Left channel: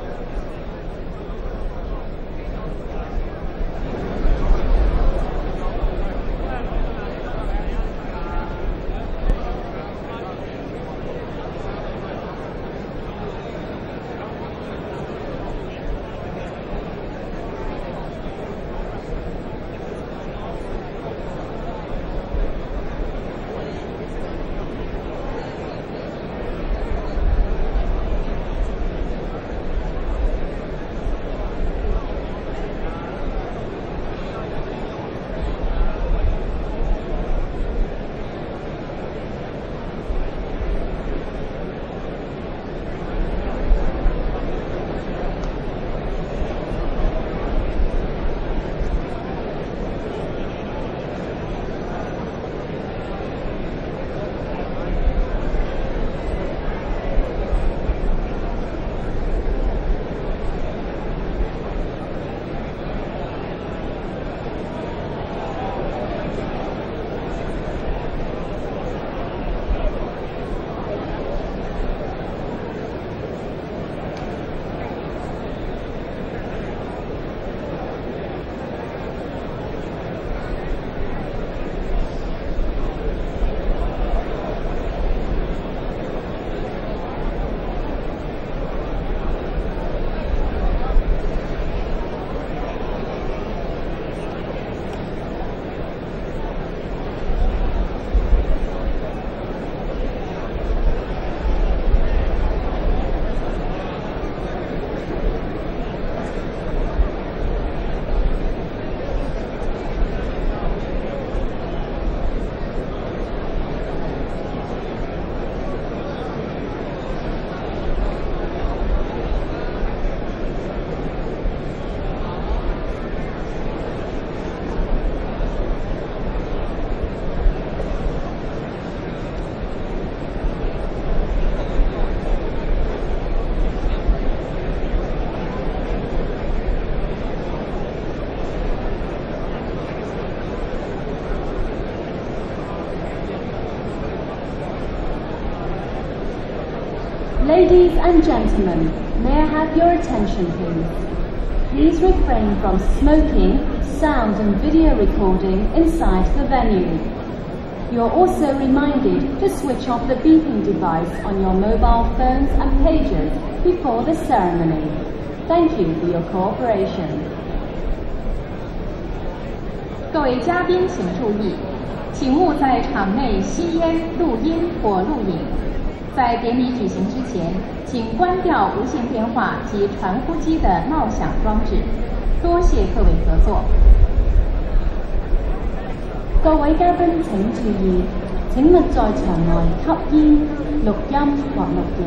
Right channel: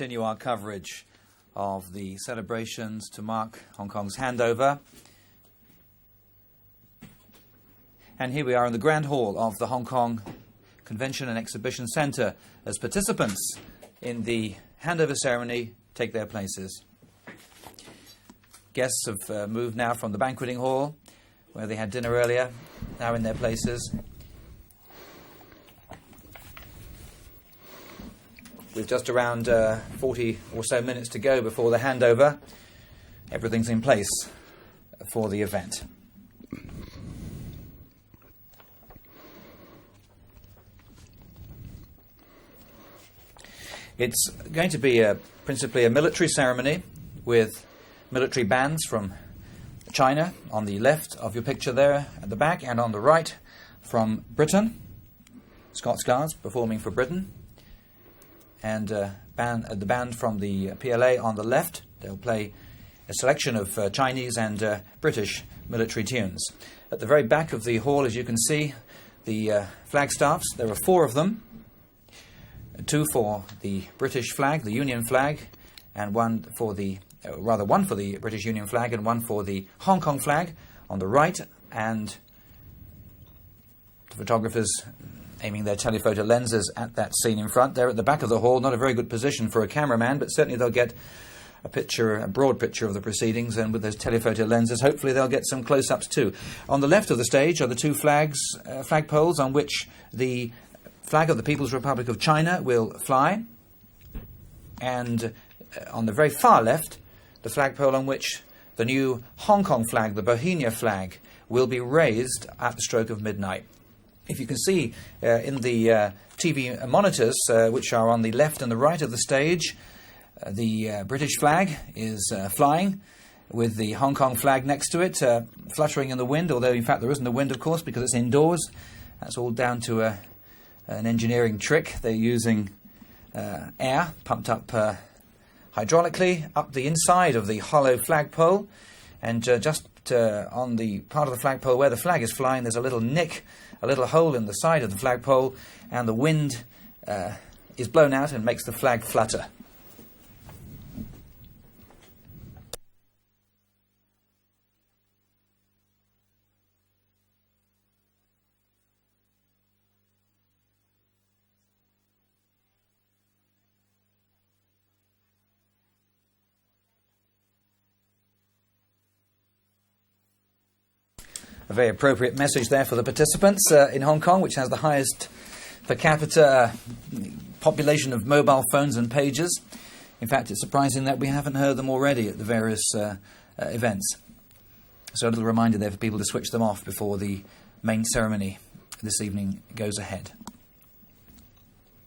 continue our coverage of the celebrations to mark Hong Kong's handover. And here we are in the Grand Hall of the Hong Kong Convention and Exhibition Centre as participants in the handover ceremony take their places. Guests have moved now from the banqueting hall, where they had dinner earlier, now in their places. With just around 40 or so minutes to go before the handover, everything's in place for the event. It's going to be principally a military ceremony with military bands from China on the left of the picture there on the back, and on the right from Britain, Scots Guards performing for Britain, and the band from the PLA on the left play a selection of Chinese and British military tunes. At the very back of the hall, as you can see, the flag staffs, there are 4 of them, 2 for the British flag, the Union flag, and one for the British Union flag and one for the Hong Kong flag on the right, and photographers aiming their telephoto lenses at that scene in front. They're at the back of the hall, not a very good position for a cameraman, but certainly they'll get a broad picture of the proceedings, and with their telephoto lenses hopefully they'll get some close-ups too. On the left of the stage are the 2 flagpoles on which the flag of the People's Republic of China will fly, and on the very far left, the flagpole on which the new Hong Kong flag, the Bohemia flag, will be raised at the stroke of midnight. If you can see in the TV monitors, which are on the left and the right of the stage, the British flag is flying with the Hong Kong flag next to it, fluttering in the wind, although in fact there isn't a wind, of course, because it's indoors. It's all down to an engineering trick. They're using air pumped up hydraulically up the inside of the hollow flagpole, and just on the part of the flagpole where the flag is flying, there's a little nick, a little hole in the side of the flagpole, and the wind Ladies is blown and out and makes the flag gentlemen, flutter. may I have your attention please? Please refrain from smoking, sound and video recording inside the venue. You're also reminded to switch off the beeping device on your mobile phones and pagers before the ceremony. Thank you for your cooperation. 各位嘉宾请注意， Very appropriate 请勿 message 在 there for the 场内 participants 吸烟、 in Hong 录 Kong, which 音 has the 或 highest 录影。 per 在 capita 典礼举行之前， population 请 of 关掉 mobile 无 phones 线 and 电话 pages. 及传 In 呼 fact, 机 it's 的 surprising 闹 that we 响 haven't 装 heard 置。 them already at 多谢 various 各位合作。 events. So a little reminder there for people to switch 各 them 位 off 嘉 before 賓請注 the 意 main ceremony. 請勿在場內吸煙、錄音或錄影。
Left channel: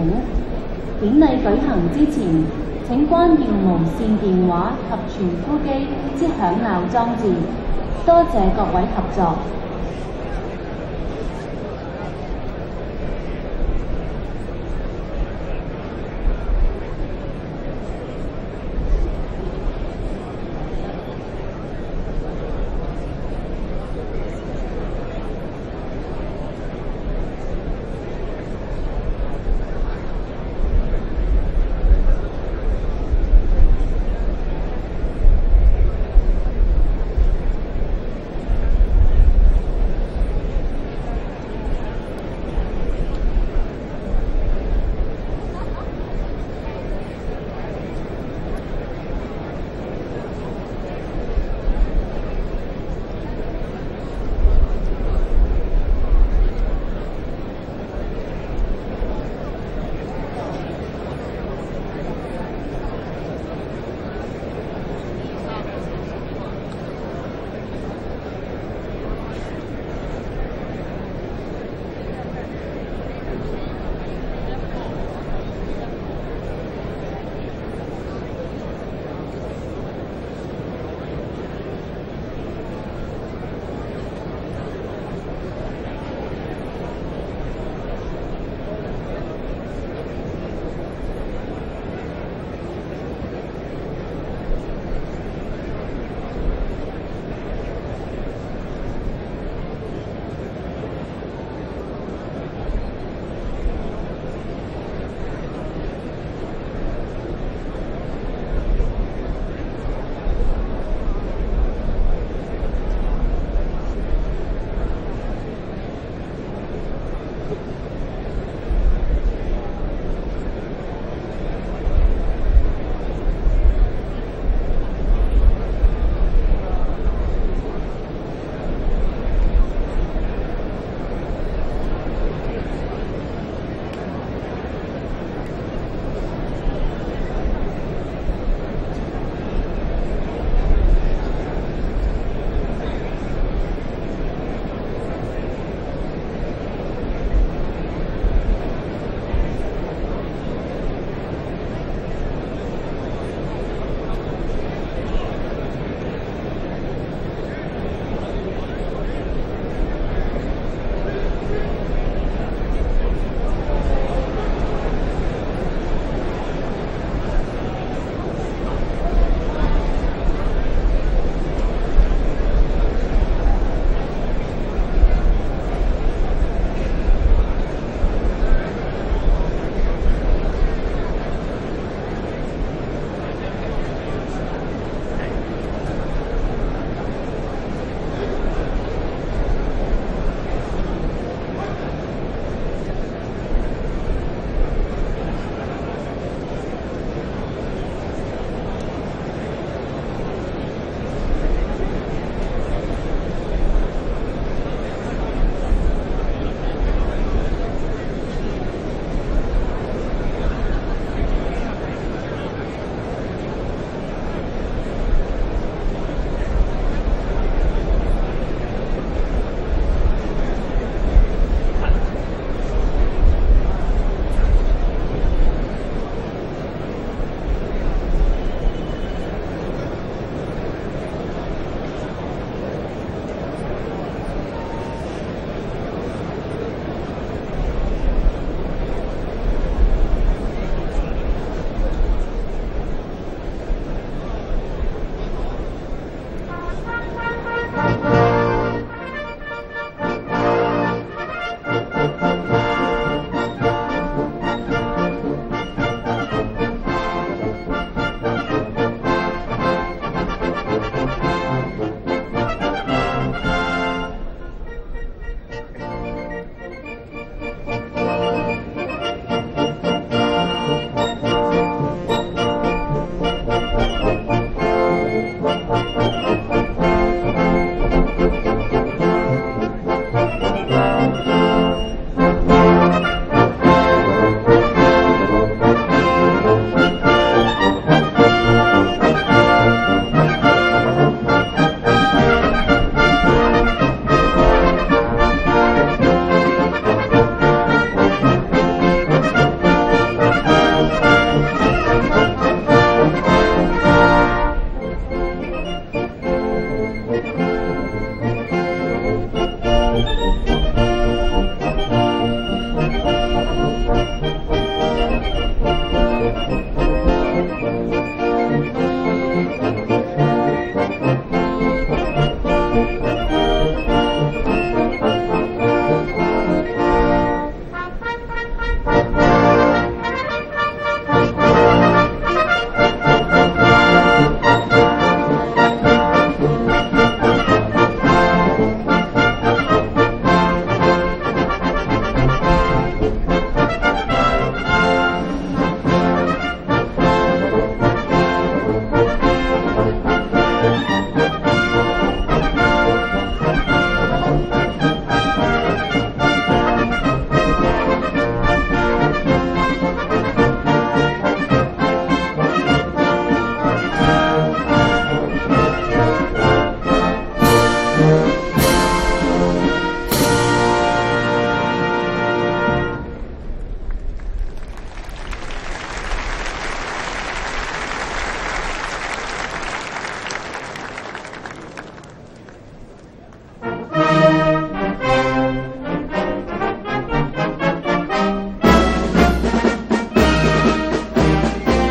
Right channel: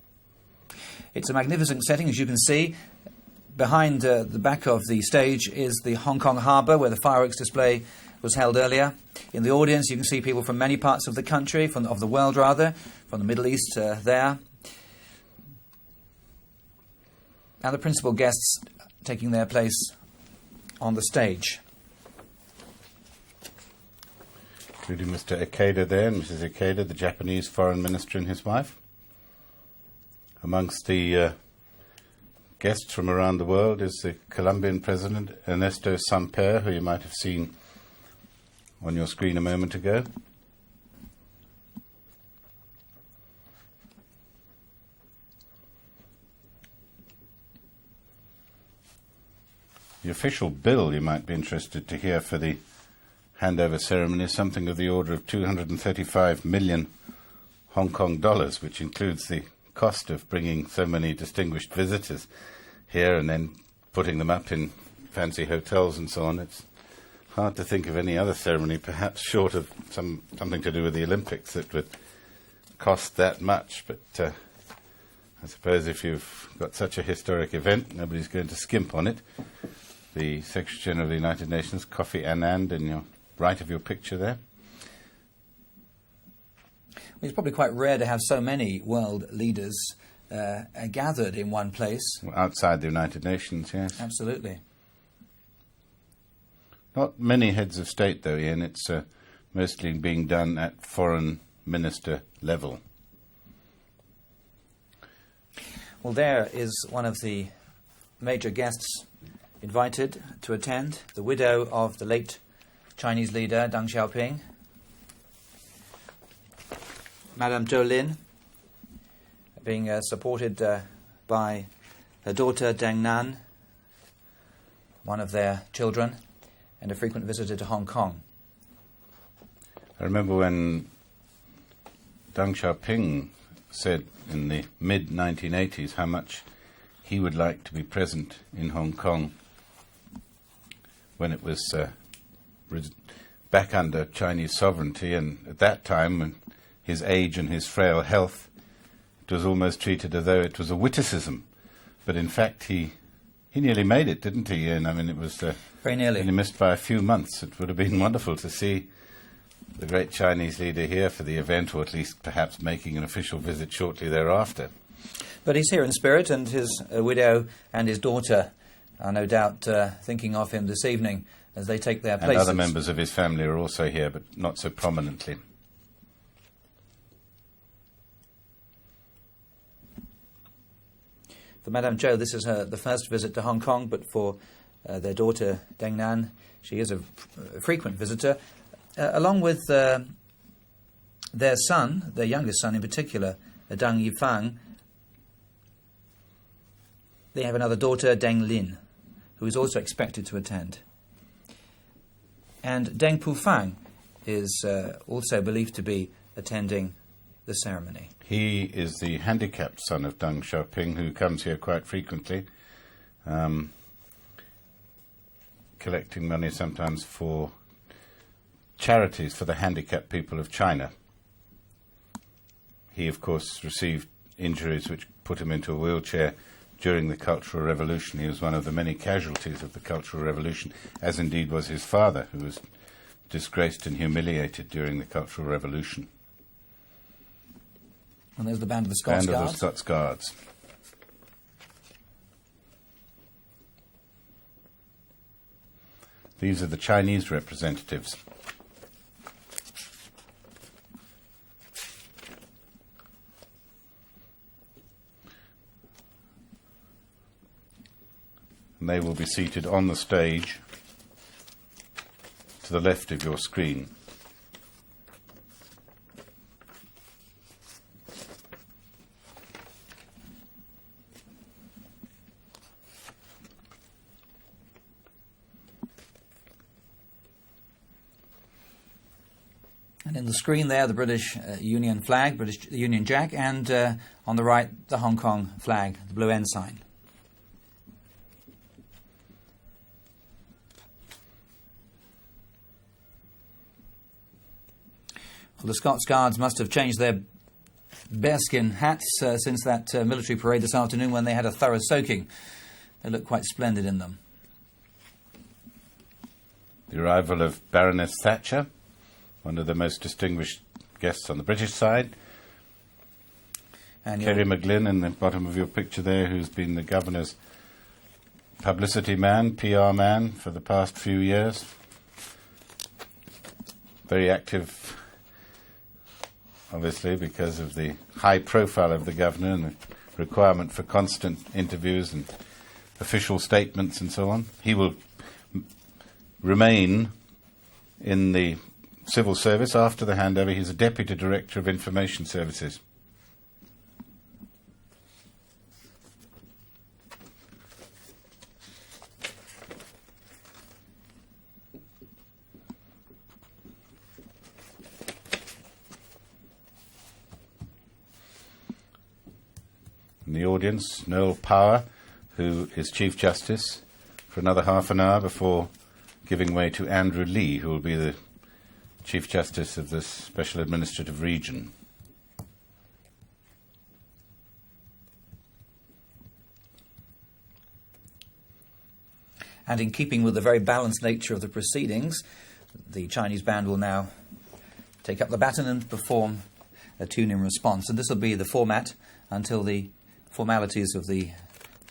典禮 It's a 舉行 magnificent 之 setting, as you 前 can see. 請關掉無 Behind 線 the 電 back 話 of the 及 stage 傳呼 is 機 the Hong 之 Kong 響 Harbour, where 鬧 the 裝 fireworks 置。 display 多 was 謝 held 各位 earlier. 合作。 In the audience, you can see people from many parts of the country, of the world rather, from the Middle East there. Now the principal guests taking their place on the stage. Mr. Ikeda there, Mrs. Ikeda, the Japanese foreign minister, and his wife. Amongst the guests from around the world is the Colombian president, Ernesto Samper, who you might have seen on your screen a moment ago. The official bill, you might be interested to hear, for the handover ceremony is something of the order of 235 million Hong Kong dollars, which includes the cost of bringing so many distinguished visitors here and then putting them up in fancy hotels and so on. It's hard to think of any other ceremony, perhaps short of something to do with the Olympics, that would cost that much. But I suppose if you've got such a historic event, nobody's going to skimp on it. The Secretary General of the United Nations, Kofi Annan, in the right of your picture there. It's probably quite rare to have so many world leaders gathered in one place. Outside the United Nations, yes. Absolutely. Not many heads of state, though, Ian. It's mostly being done at foreign minister level. There is one of the major guests invited to attend. The widow of the late Chinese leader Deng Xiaoping, Madame Zhou Lin, being supported by a daughter Deng Nan, one of their children, a frequent visitor to Hong Kong. I remember when Deng Xiaoping said in the mid-1980s how much he would like to be present in Hong Kong when it was back under Chinese sovereignty, and at that time his age and his frail health was almost treated as though it was a witticism. But in fact he nearly made it, didn't he? And I mean, it was very nearly. He missed by a few months. It would have been wonderful to see the great Chinese leader here for the event, or at least perhaps making an official visit shortly thereafter. But he's here in spirit, and his widow and his daughter are no doubt thinking of him this evening as they take their places. And other members of his family are also here, not so prominently. Madame Zhou, this is her first visit to Hong Kong for their daughter, Deng Nan. She is a frequent visitor, along with their son, their youngest son in particular, Deng Yifan. They have another daughter, Deng Lin, who is also expected to attend. And Deng Pufang is also believed to be attending the ceremony. He is the handicapped son of Deng Xiaoping, who comes here quite frequently, collecting money sometimes for charities for the handicapped people of China. He, of course, received injuries which will put him into a wheelchair during the Cultural Revolution. He was one of the many casualties of the Cultural Revolution, as indeed was his father, who was disgraced and humiliated during the Cultural Revolution. The band of Scots And of Guards. the Scots Guards. These are the Chinese representatives. They will be seated on the stage to the left of your screen. Screen there, the British Union flag, the Union Jack, and on the right, the Hong Kong flag on the inside. Scots Guards must have changed their skin hats since that military coup this afternoon. They had a thorough soaking. The arrival of Baroness Thatcher, distinguished guests on the British side. Kerry McLennan, at the bottom of your picture there, has been the government's publicity man, PR man for the past few years. Very active, because of the high profile of the government, requirement for constant official statements. He will remain civil service after the handover. He's a deputy director of information services. Audience, your power, as Chief Justice, another half an hour before giving way to Andrew Lee. And in keeping with the very balanced nature of the proceedings, the Chinese band will now pick up the baton and perform the tune in response. And this will be the format to the melodies of the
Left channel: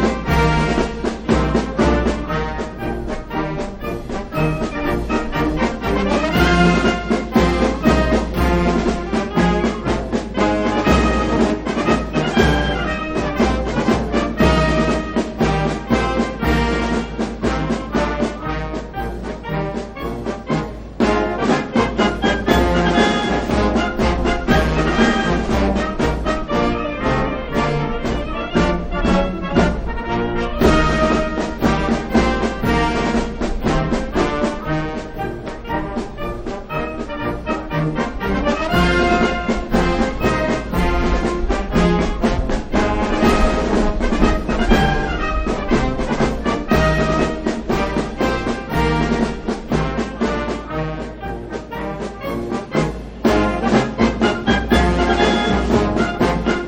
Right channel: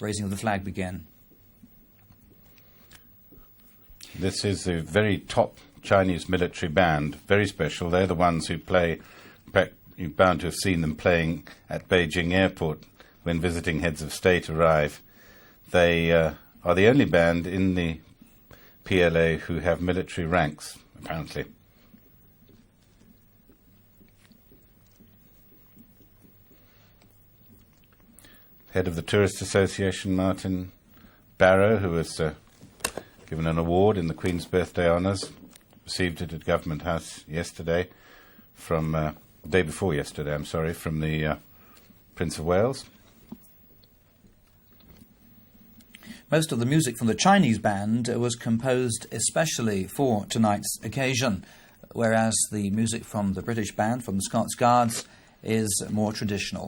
music flag. This is a very top Chinese military band, very special. They're the ones who play. We're bound to see them play Beijing in this Dickens of Stage Drive. They band in the PLA who have military ranks. Head of the Tourist Association, Martin Barrow, has given an award in the Queen's Birthday Honours, received it at Government House yesterday. Day before yesterday, Prince of Wales. Most of the music for the Chinese band was composed especially for tonight's occasion, whereas the music from the British band and Scots Guards is more traditional.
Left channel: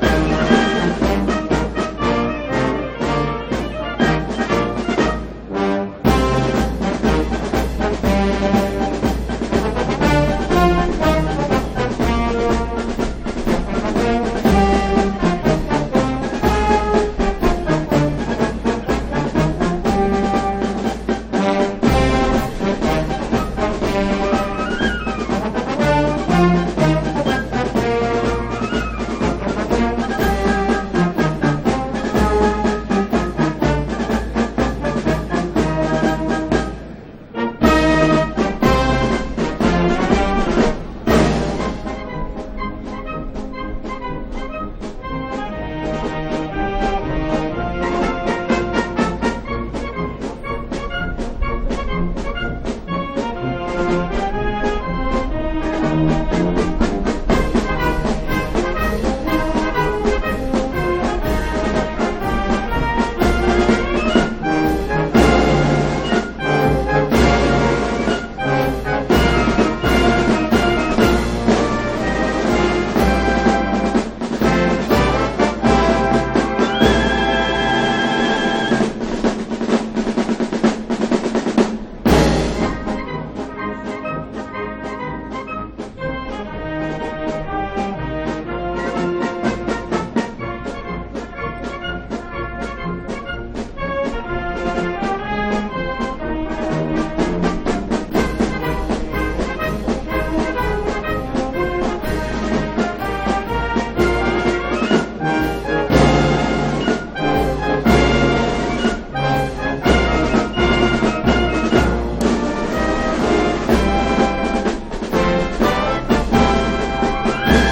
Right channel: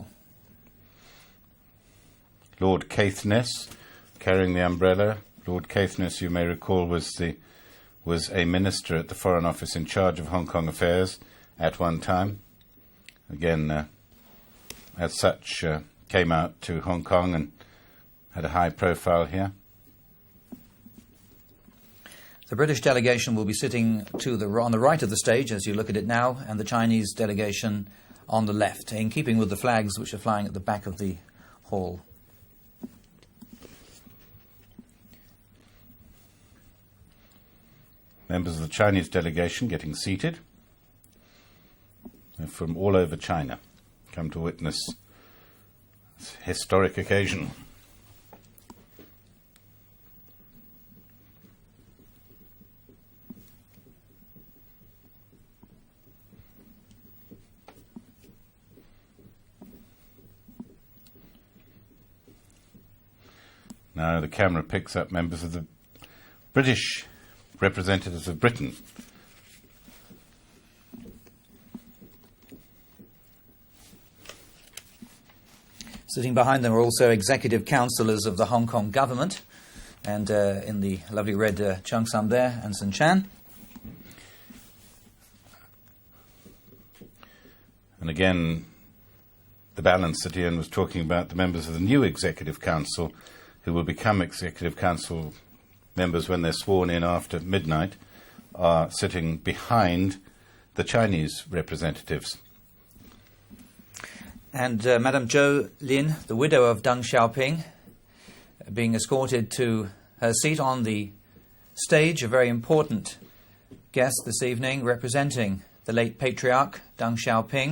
Lord Caithness, carrying the umbrella. Lord Caithness, who we recall was the Minister and Foreign Officer in charge of Hong Kong affairs at one time. Again, as such, came out to Hong Kong and high profile here. The British delegation will be sitting on the right of the stage as you will now, the Chinese delegation on the left, in keeping with the flags which are flying. Members of the Chinese delegation are seated from all over China, come to witness this historic occasion. Camera picks up British representatives of Britain. Sitting behind them are also executive councillors of the Hong Kong government, and in the lovely red chunks there, Winston Chan. Again, balance that Ian was talking about, members of the new Executive Council who will become Executive Council members when they're sworn in after midnight are sitting behind the Chinese representatives. And Madame Zhou, widow of Deng Xiaoping, being escorted to her seat on the stage, a very important guest this evening, representing the late patriarch Deng Xiaoping.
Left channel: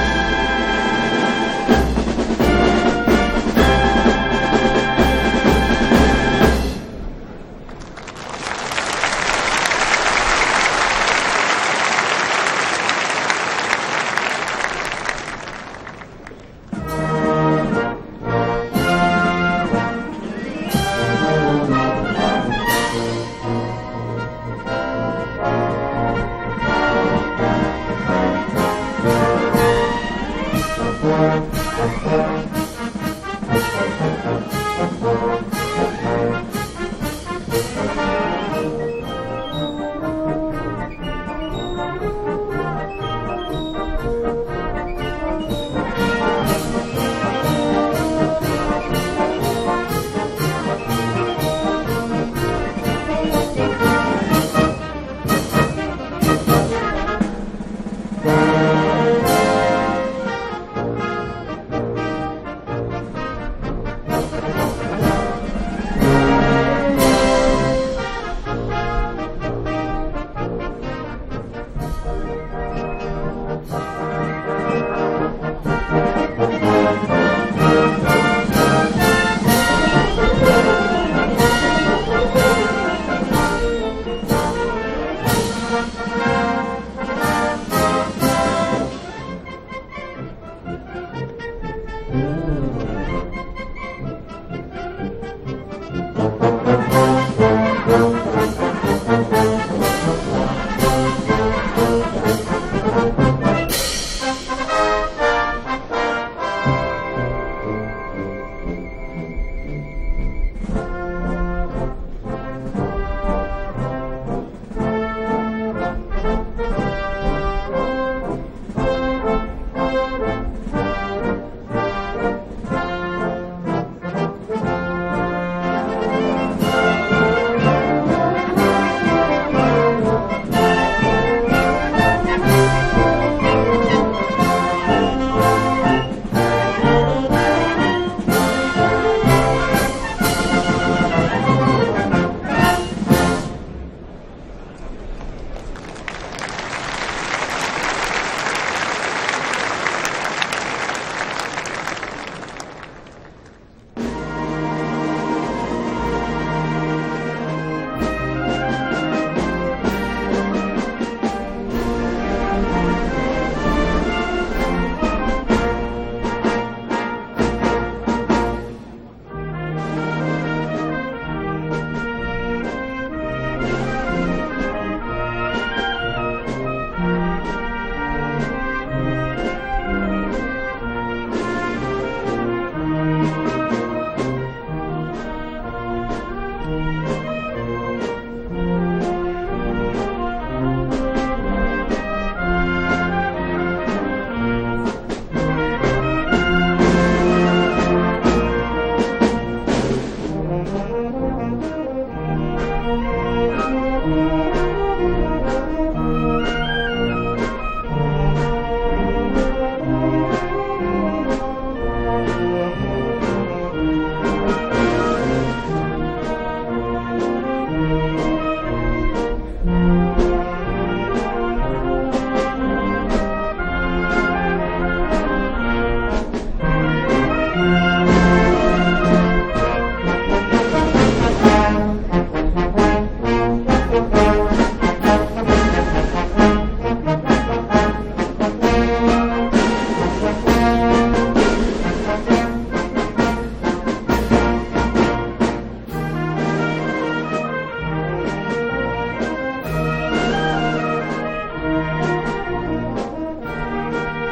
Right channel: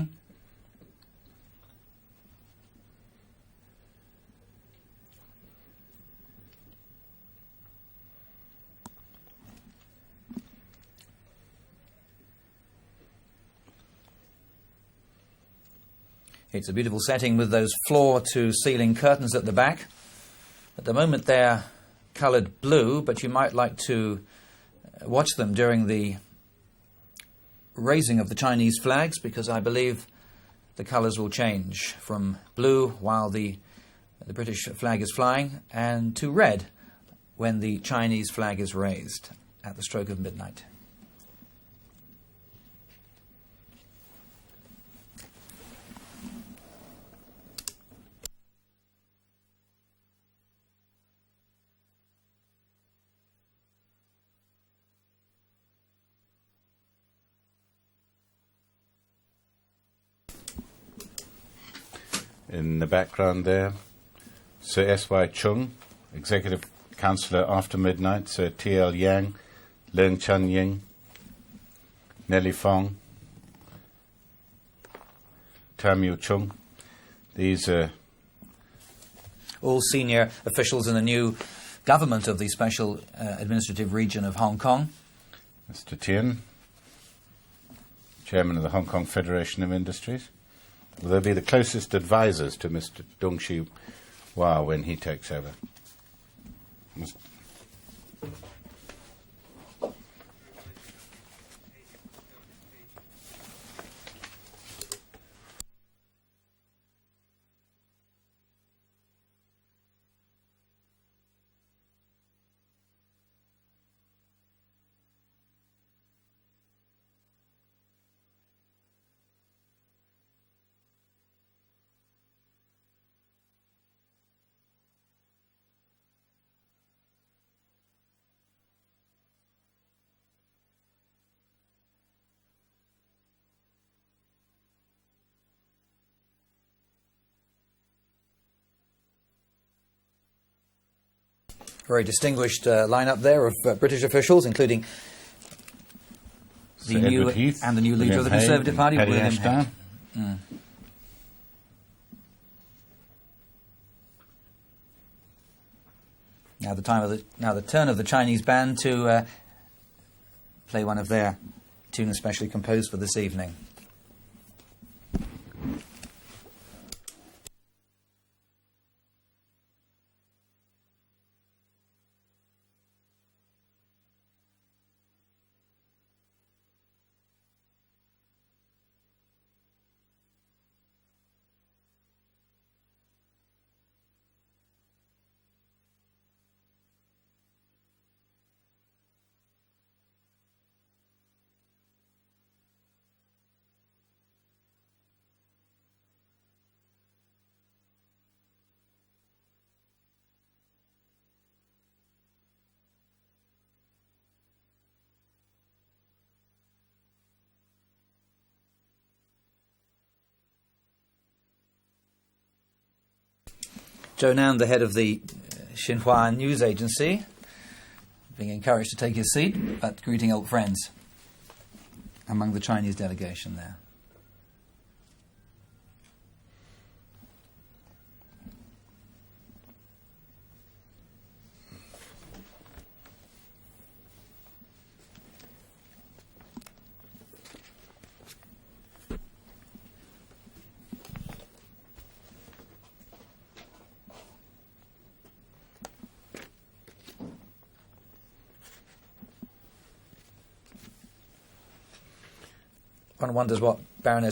It's a beautiful setting with those floor-to-ceiling curtains at the back. At the moment they're coloured blue, but you might like to watch them during the raising of the Chinese flags, because I believe the colours will change. Blue while the British flag is flying, and to red when the Chinese flag is raised at the stroke of midnight. In the background there, Sir S.Y. Chung, Executive Councillor after midnight, Sir T.L. Yang, Leung Chun-ying, Nellie Fong, Tammy Chung. These are Senior officials in the new government of the Special Administrative Region of Hong Kong. Jiang, Hong Kong Federation of Industries. They'll be the closest advisors to Mr. Dong-Shi Hua when he takes over. British officials, including now the turn of the Chinese band to play one of their two special numbers of this evening. Now the head of the Xinhua news agency, encouraged to take his seat, but greeting old friends from the Chinese delegation.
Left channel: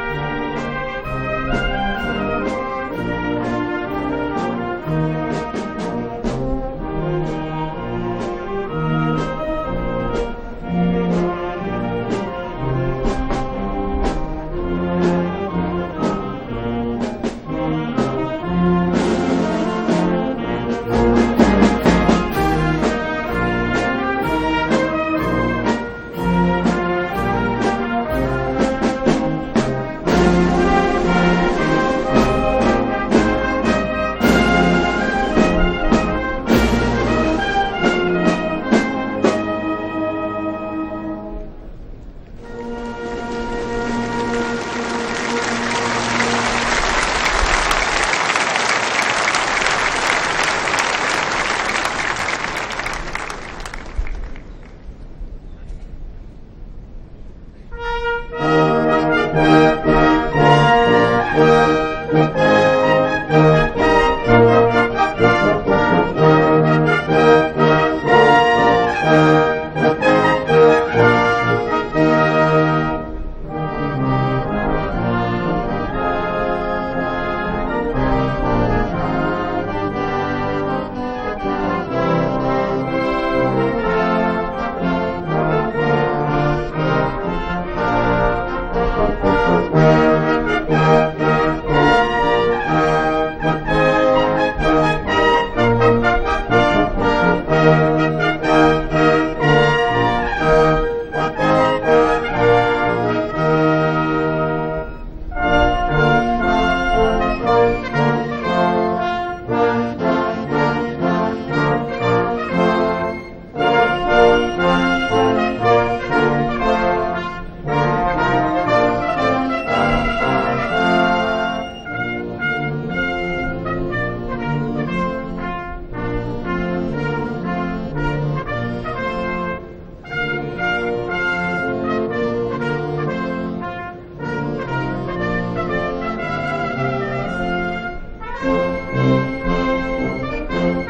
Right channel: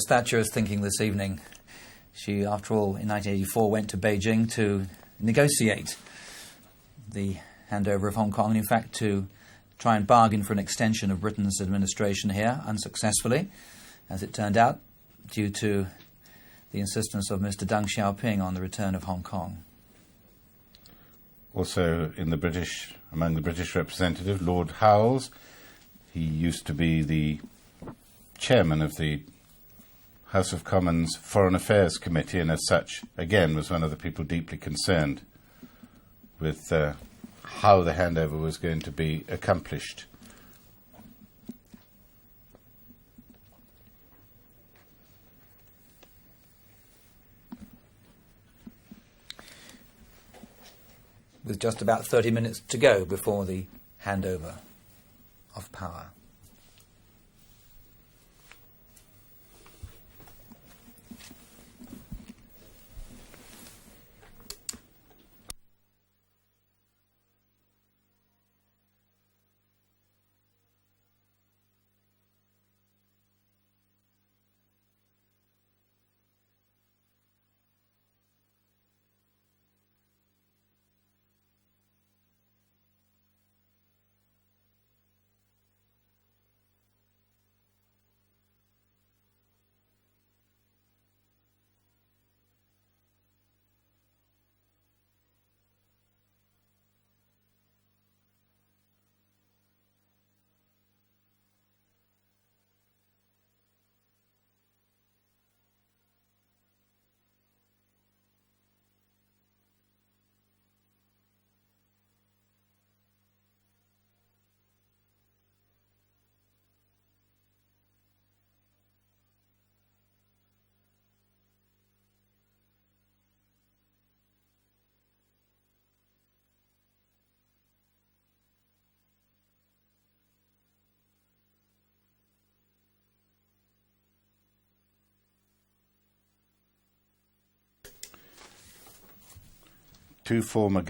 Thatcher is thinking this evening. She, after all, in 1984 went to Beijing to negotiate the handover of Hong Kong, in fact to try and bargain for an extension of Britain's administration here, unsuccessfully, as it turned out, due to the insistence of Mr. Deng Xiaoping on return. To go before the handover of power.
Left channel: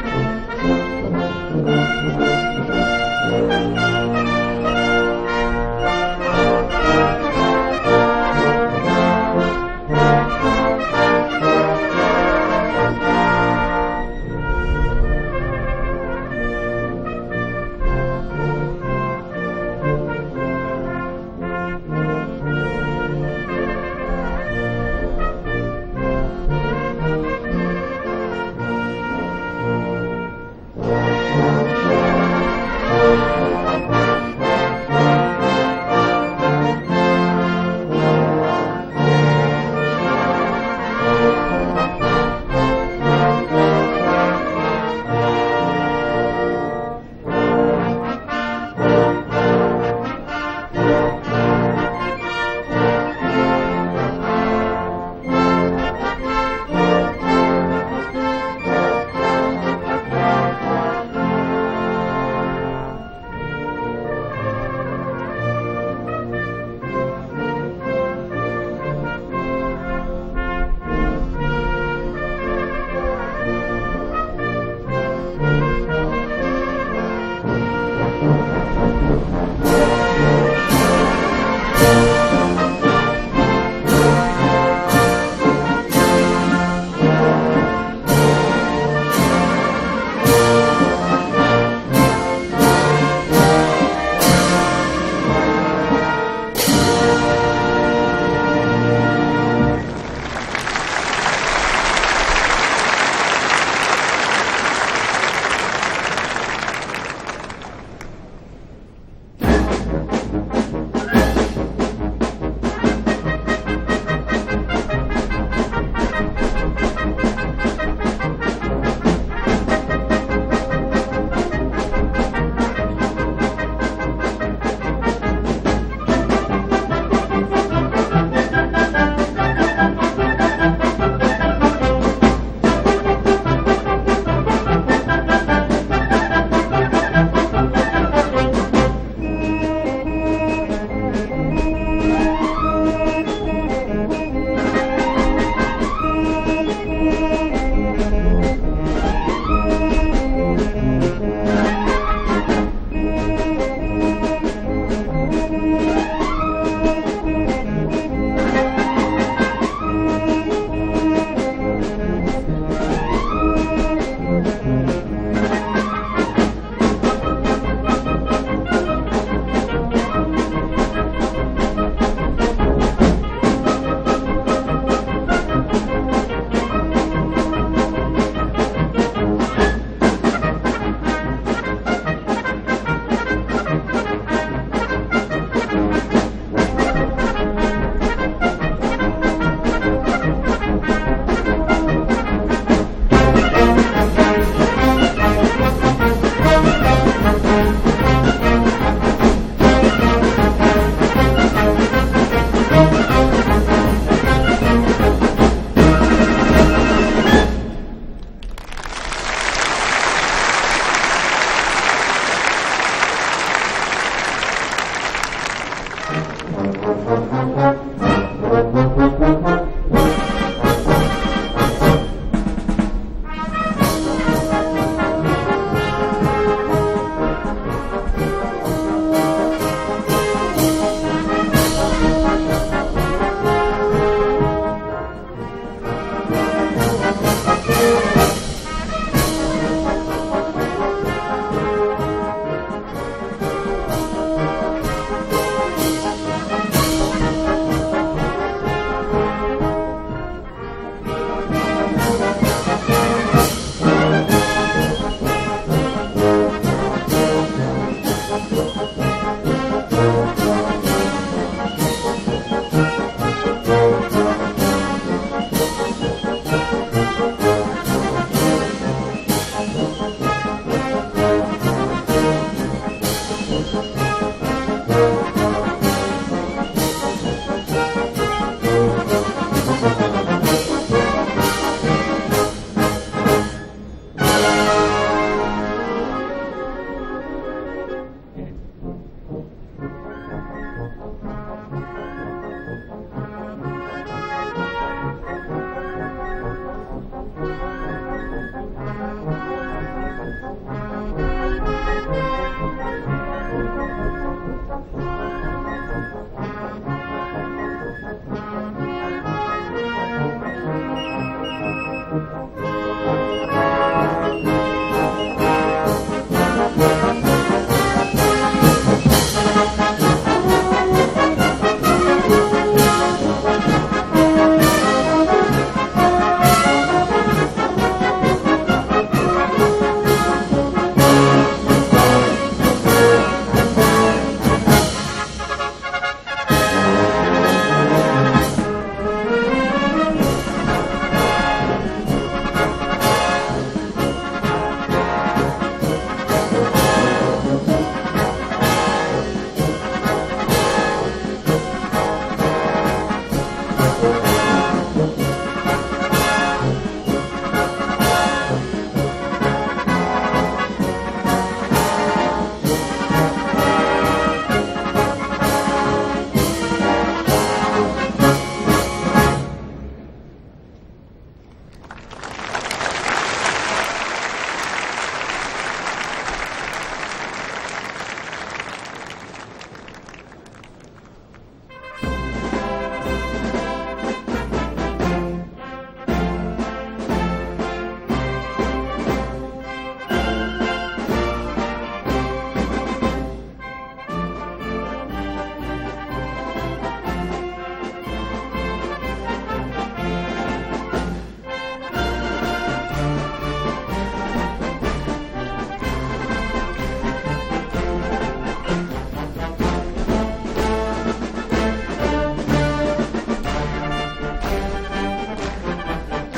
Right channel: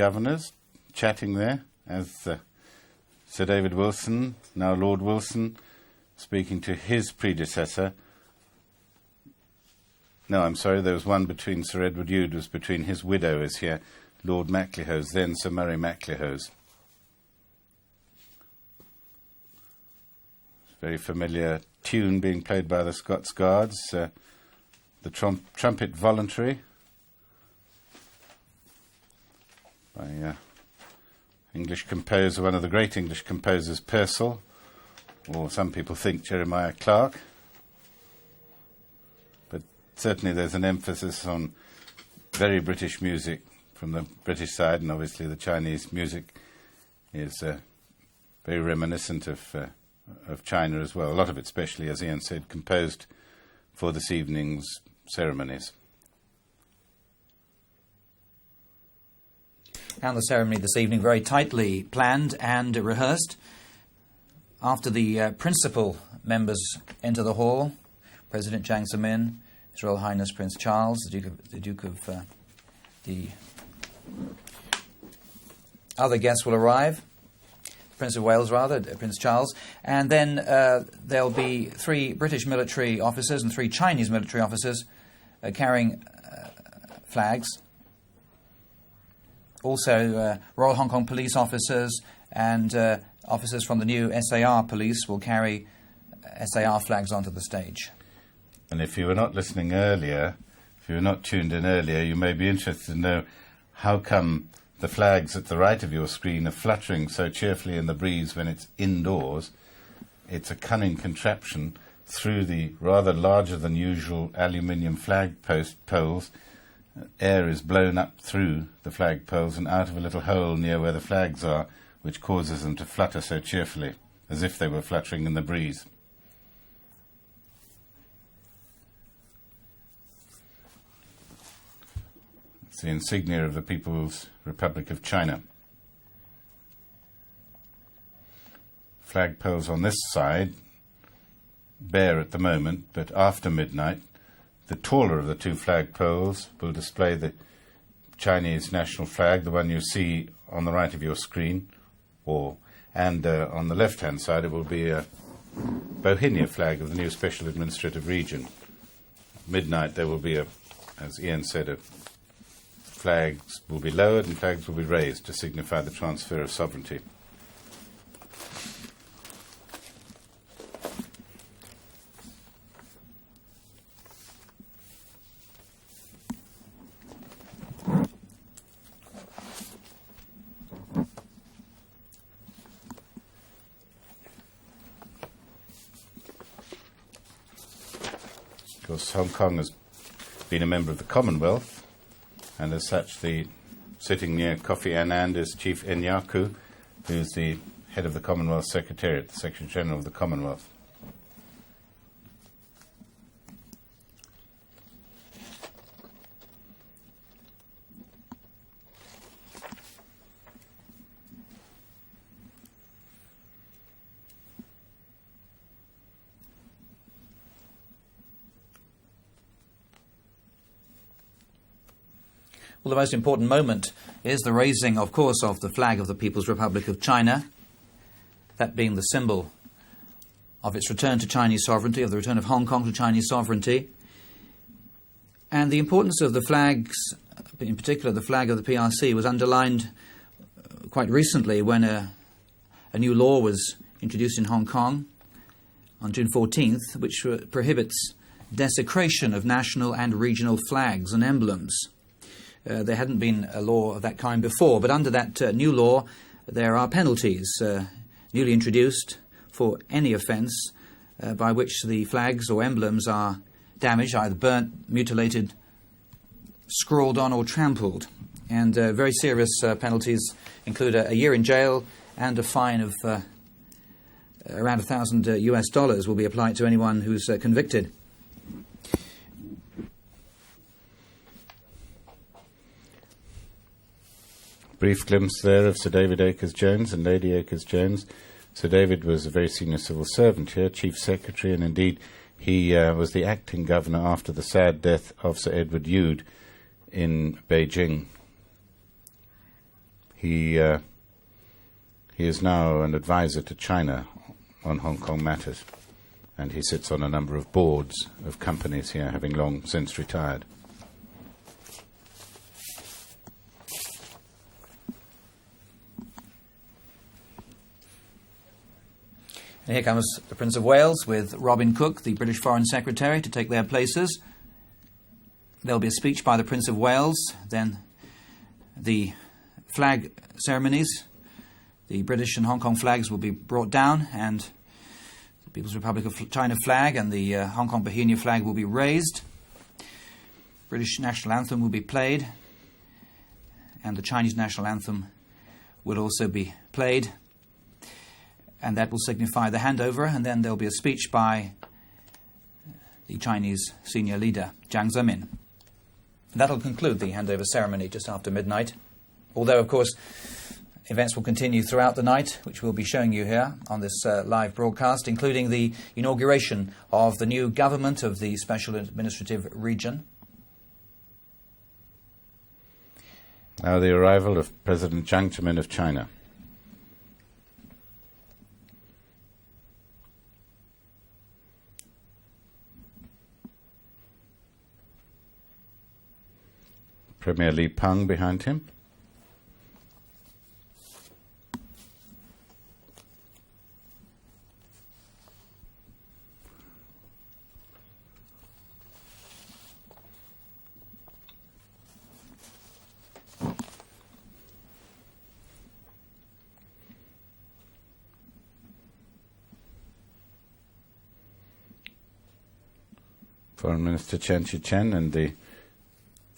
governors chatting there. Sir David Wilson, Lord Wilson, speaking to his predecessor. No, sorry, there's one which was already used between his widows here, Lord Maclehose, then Sir Murray Maclehose. A very familiar tune being played by the Scots Guards, trumpet voluntary. Very British music, British side of Chinese music. It's very After the principal members enter the hall, President Jiang His Royal Highness Prince Charles, other guests will arrive, Prince of Wales rather, Prince Charles, and then there will be British military officers and 3 Chinese military officers carrying flags. So all Hong Kong police officers and officers from the new SAR police will carry SAR flags on stage. If you were not listening earlier, you're not seeing the radio, you may be interested to know how come the flags at the right of the screen are fluttering so cheerfully in the breeze when it's indoors. It's a cunning contraption through the rather larger than usual aluminium flag post. Air is blown up through the flag post and out of the hole near where the flags are, which causes them to flutter so cheerfully as if they were fluttering in the breeze. Chinese national flag, the one you see on the right of your screen. And on the left-hand side it will be a Bohemian flag with the special administrative region. At midnight there will be, as again said, the flags will be lowered, the flag will be raised to signify the transfer of sovereignty. The most important moment is the raising, of course, of the flag of the People's Republic of China, that being the symbol of its return to Chinese sovereignty, the return of Hong Kong to Chinese sovereignty. And the importance of the flags, the flag of the PRC, was underlined quite recently when a new law was introduced in Hong Kong, June 14th, which prohibits desecration of national and regional flags and emblems. There had been a law before, but under that new law, there are penalties newly introduced for any offence by which the flags or emblems are damaged, burned, mutilated, scrawled on or trampled. And very serious penalties include a year in jail and a fine of around $1,000 will be applied to anyone who's convicted. Sir David Akers-Jones and Lady Akers-Jones. Sir David was a very senior civil servant here, Chief Secretary, and indeed he was the acting governor after the sad death of Sir Edward Yude in Beijing. He is now an advisor to China on Hong Kong matters. And he sits on a number of boards of companies here, having long since retired. Chinese national government of the special region. Now the arrival of President Jiang of China. Premier Li Peng behind him.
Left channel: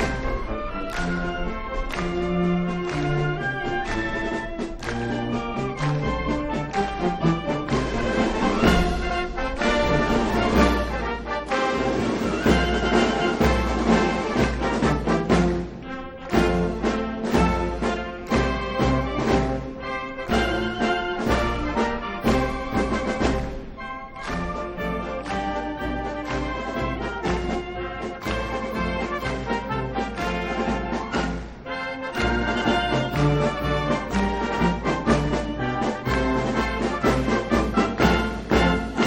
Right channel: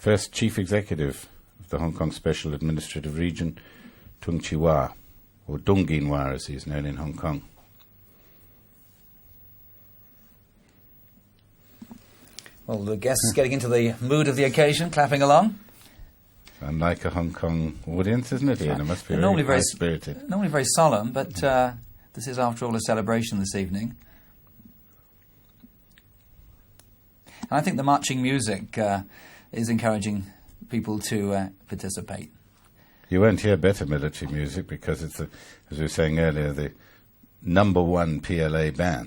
First Chief Executive of the Hong Kong Special Administrative Region, Tung Chee-hwa, or Dung Bin-hwa as he's known in Hong Kong. Guests getting into the mood of the occasion, clapping along. Like a Hong Kong audience, isn't it? Normally very spirited. Very solemn, but this is after all a celebration this evening. I think the marching music is encouraging people to participate. You won't hear better military music because, as we were saying earlier, the number one PLA band,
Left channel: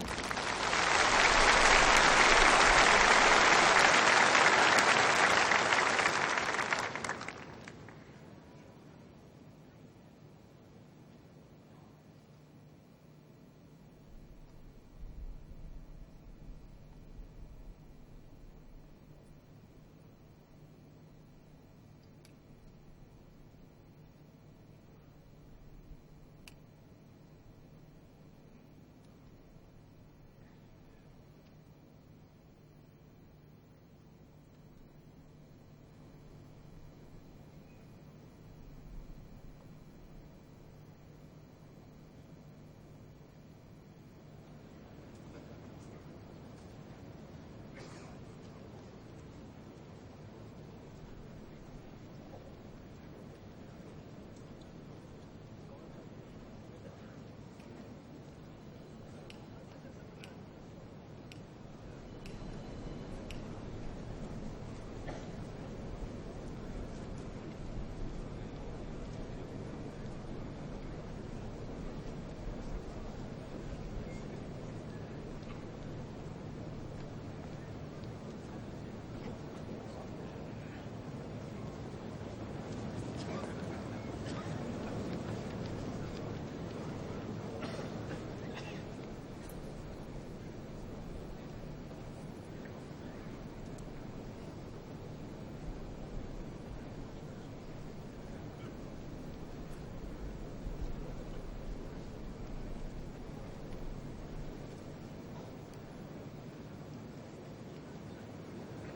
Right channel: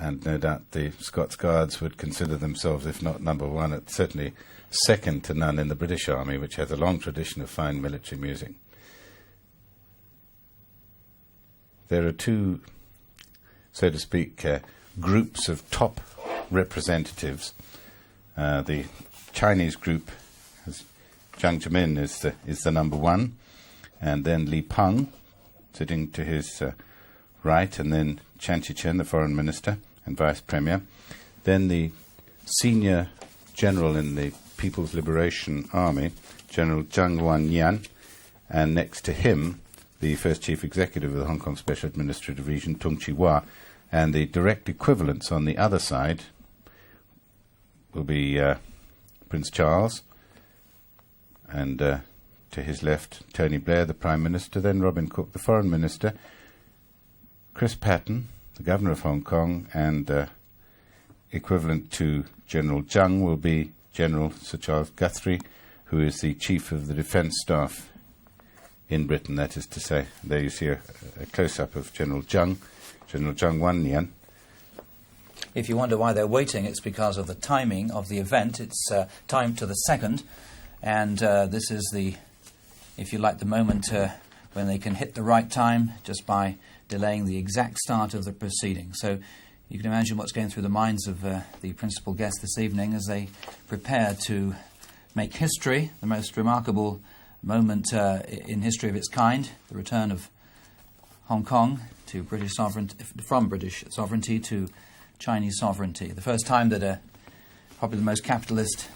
and no doubt the Scots Guards would consider themselves, if not number one, certainly second to none in the British Army, which has a long tradition of fine military music. There are two, so to speak, groups of top representatives. The Chinese group, Jiang Zemin is the number one, and then Li Peng sitting to his right, and then Chan Chi-chen, the foreign minister and vice premier. Then the senior general in the People's Liberation Army, General Zhang Wanyan, and next to him, the first chief executive of the Hong Kong Special Administrative Region, Tung Chee-hwa, and the direct equivalents on the other side will be Prince Charles, and to his left, Tony Blair, the Prime Minister, then Robin Cook, the Foreign Minister, Chris Patten, the Governor of Hong Kong, and equivalent to General Jiang will be General Sir Charles Guthrie, who is the Chief of the Defence Staff in Britain. That is to say, there you see a close-up of General Jiang Wanyan. If you wonder why they're waiting, it's because of the timing of the event. It's timed to the second, and this is the, if you like, the moment when they can hit the right time just by delaying the exact start of the proceedings. So you can imagine what's going through the minds of the principal guests this evening as they prepare to make history, the most remarkable moment in history of its kind, the return of Hong Kong to British sovereignty, from British sovereignty to Chinese sovereignty. The first time that probably the most capitalist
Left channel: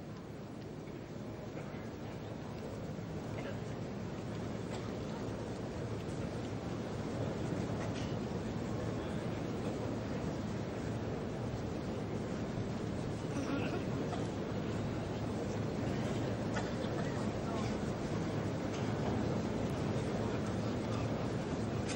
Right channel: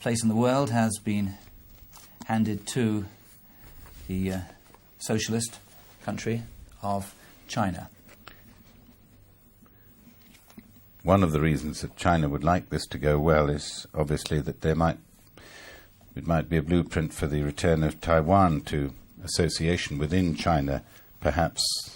place in the world has been handed to the socialist country of China. One of the reasons that China would like this to go well is obviously that it might be a blueprint for the return of Taiwan to association within China, perhaps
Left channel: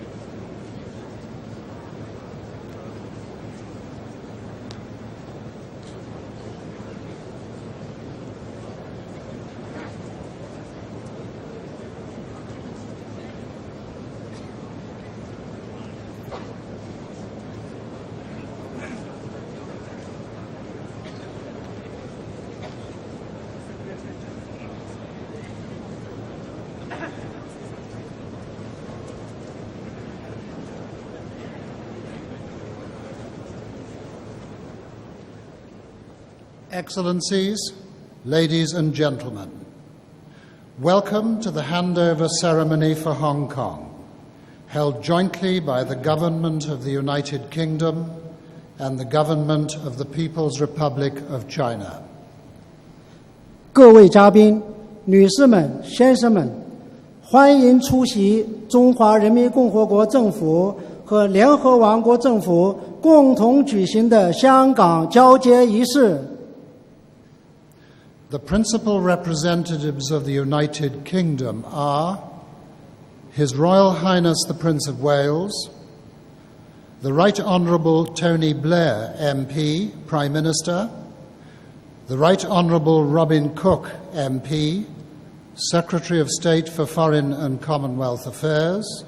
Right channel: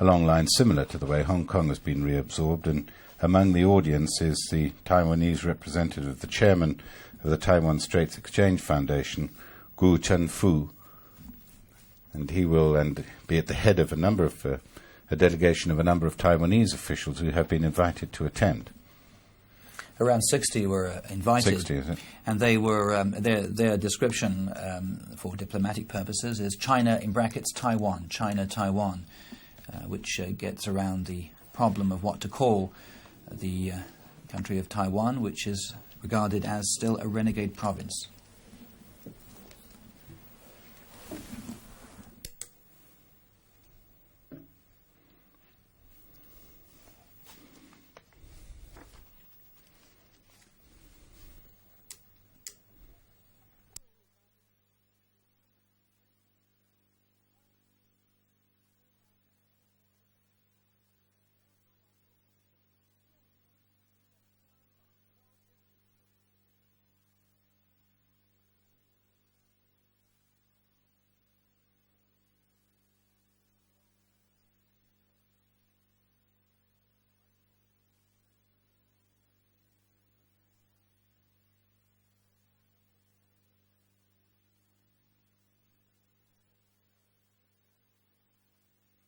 along lines similar to the way Hong Kong has been reabsorbed. And among the audience is the Taiwanese representative, the chairman of the Taiwan Straits Exchange Foundation, Hu Chen-fu. And he will be at the head of a delegation of a number of Taiwanese officials who have been invited to attend. Around 60 were invited, 60, and they were their description for diplomatic purposes is China in brackets Taiwan, China Taiwan, which gets around the problem of what to call the country of Taiwan, which is regarded as still a renegade province. Ladies and gentlemen, welcome to the handover ceremony for Hong Kong, held jointly by the Government of the United Kingdom and the Government of the People's Republic of China. 各位嘉宾、女士们、先生们，欢迎出席中华人民共和国政府和联合王国政府共同举行的香港交接仪式。The principal representatives of the United Kingdom are His Royal Highness the Prince of Wales, the Right Honourable Tony Blair MP, Prime Minister, the Right Honourable Robin Cook MP, Secretary of State for Foreign and Commonwealth Affairs,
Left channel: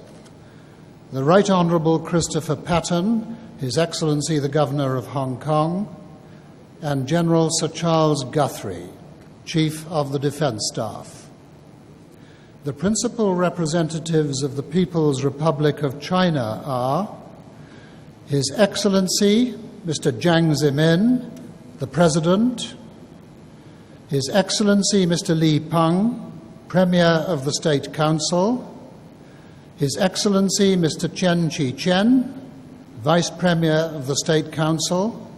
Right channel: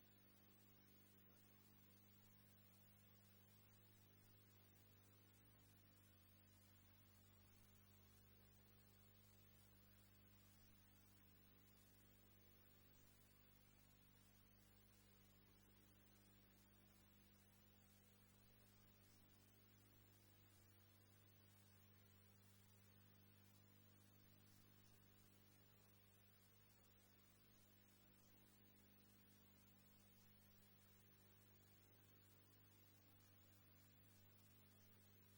the Right Honourable Christopher Patten, His Excellency the Governor of Hong Kong, and General Sir Charles Guthrie, Chief of the Defence Staff. The principal representatives of the People's Republic of China are His Excellency Mr. Jiang Zemin, the President, His Excellency Mr. Li Peng, Premier of the State Council, His Excellency Mr. Chen Chi-chen, Vice Premier of the State Council,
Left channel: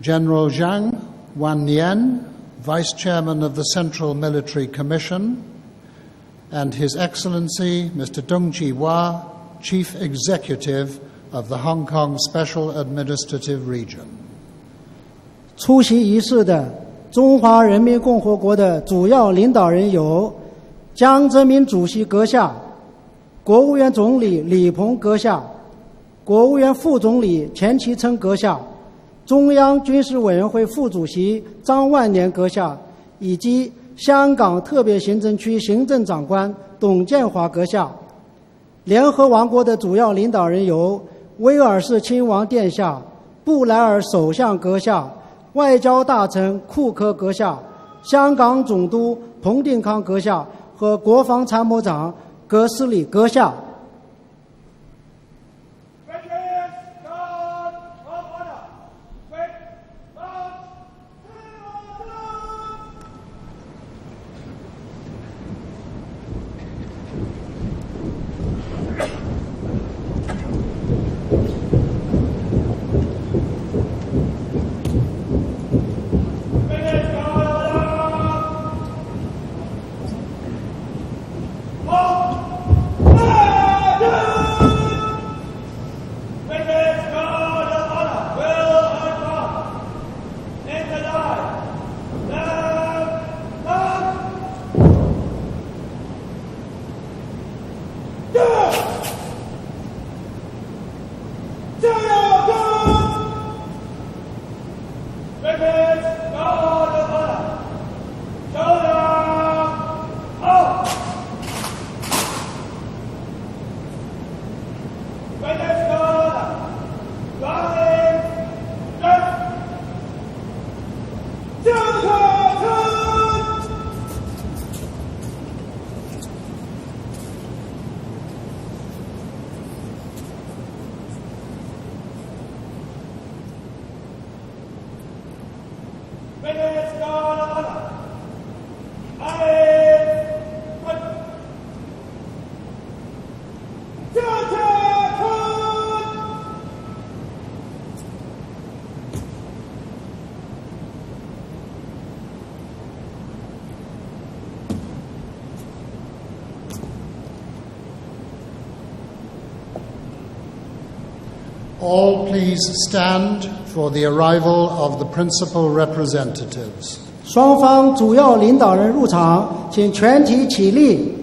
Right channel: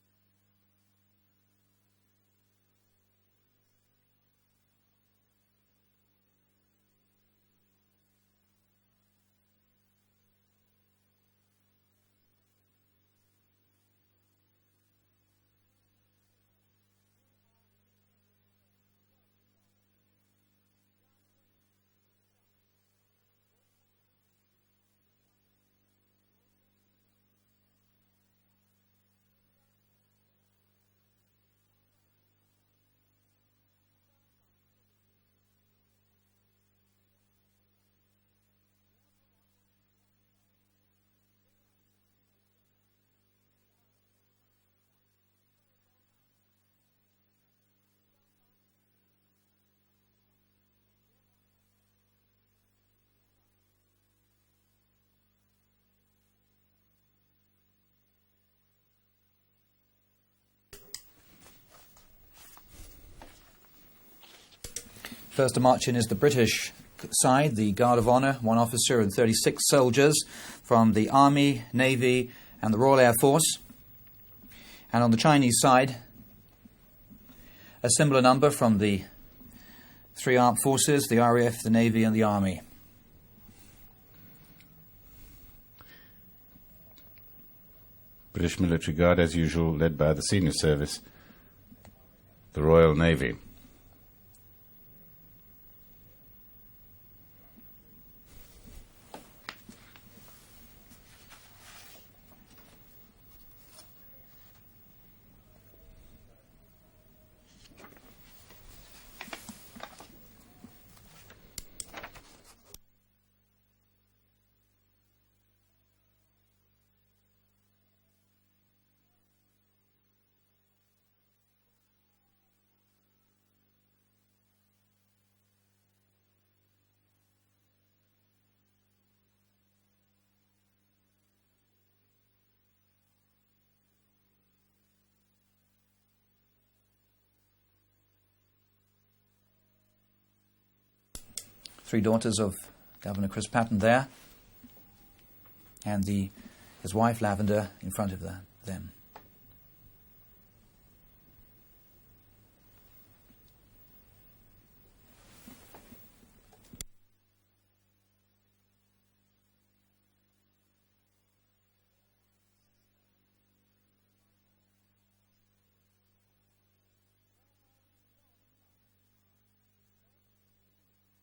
General Jiang Wannian, Vice Chairman of the Central Military Commission, and His Excellency Mr. Dong Chi-hua, Chief Executive of the Hong Kong Special Administrative Region. 出席仪式的中华人民共和国的主要领导人有江泽民主席阁下、国务院总理李鹏阁下、国务院副总理钱其琛阁下、中央军事委员会副主席张万年阁下，以及香港特别行政区行政长官董建华阁下。联合王国的主要领导人有威尔士亲王殿下、布莱尔首相阁下、外交大臣库克阁下、香港总督彭定康阁下和国防参谋长格斯里阁下。First to march in is the British side, the Guard of Honour, 1 officer and 36 soldiers from the Army, Navy and the Royal Air Force. And on the Chinese side, a similar number from the 3 armed forces, the RAF, the Navy and the Army. National Military Guard, as usual, led by the Senior Service of the Royal Navy. Three daughters of Governor Chris Patten there, and his wife Lavender in front of her. All please stand for the arrival of the principal representatives. 双方主要领导人入场，请全体起立。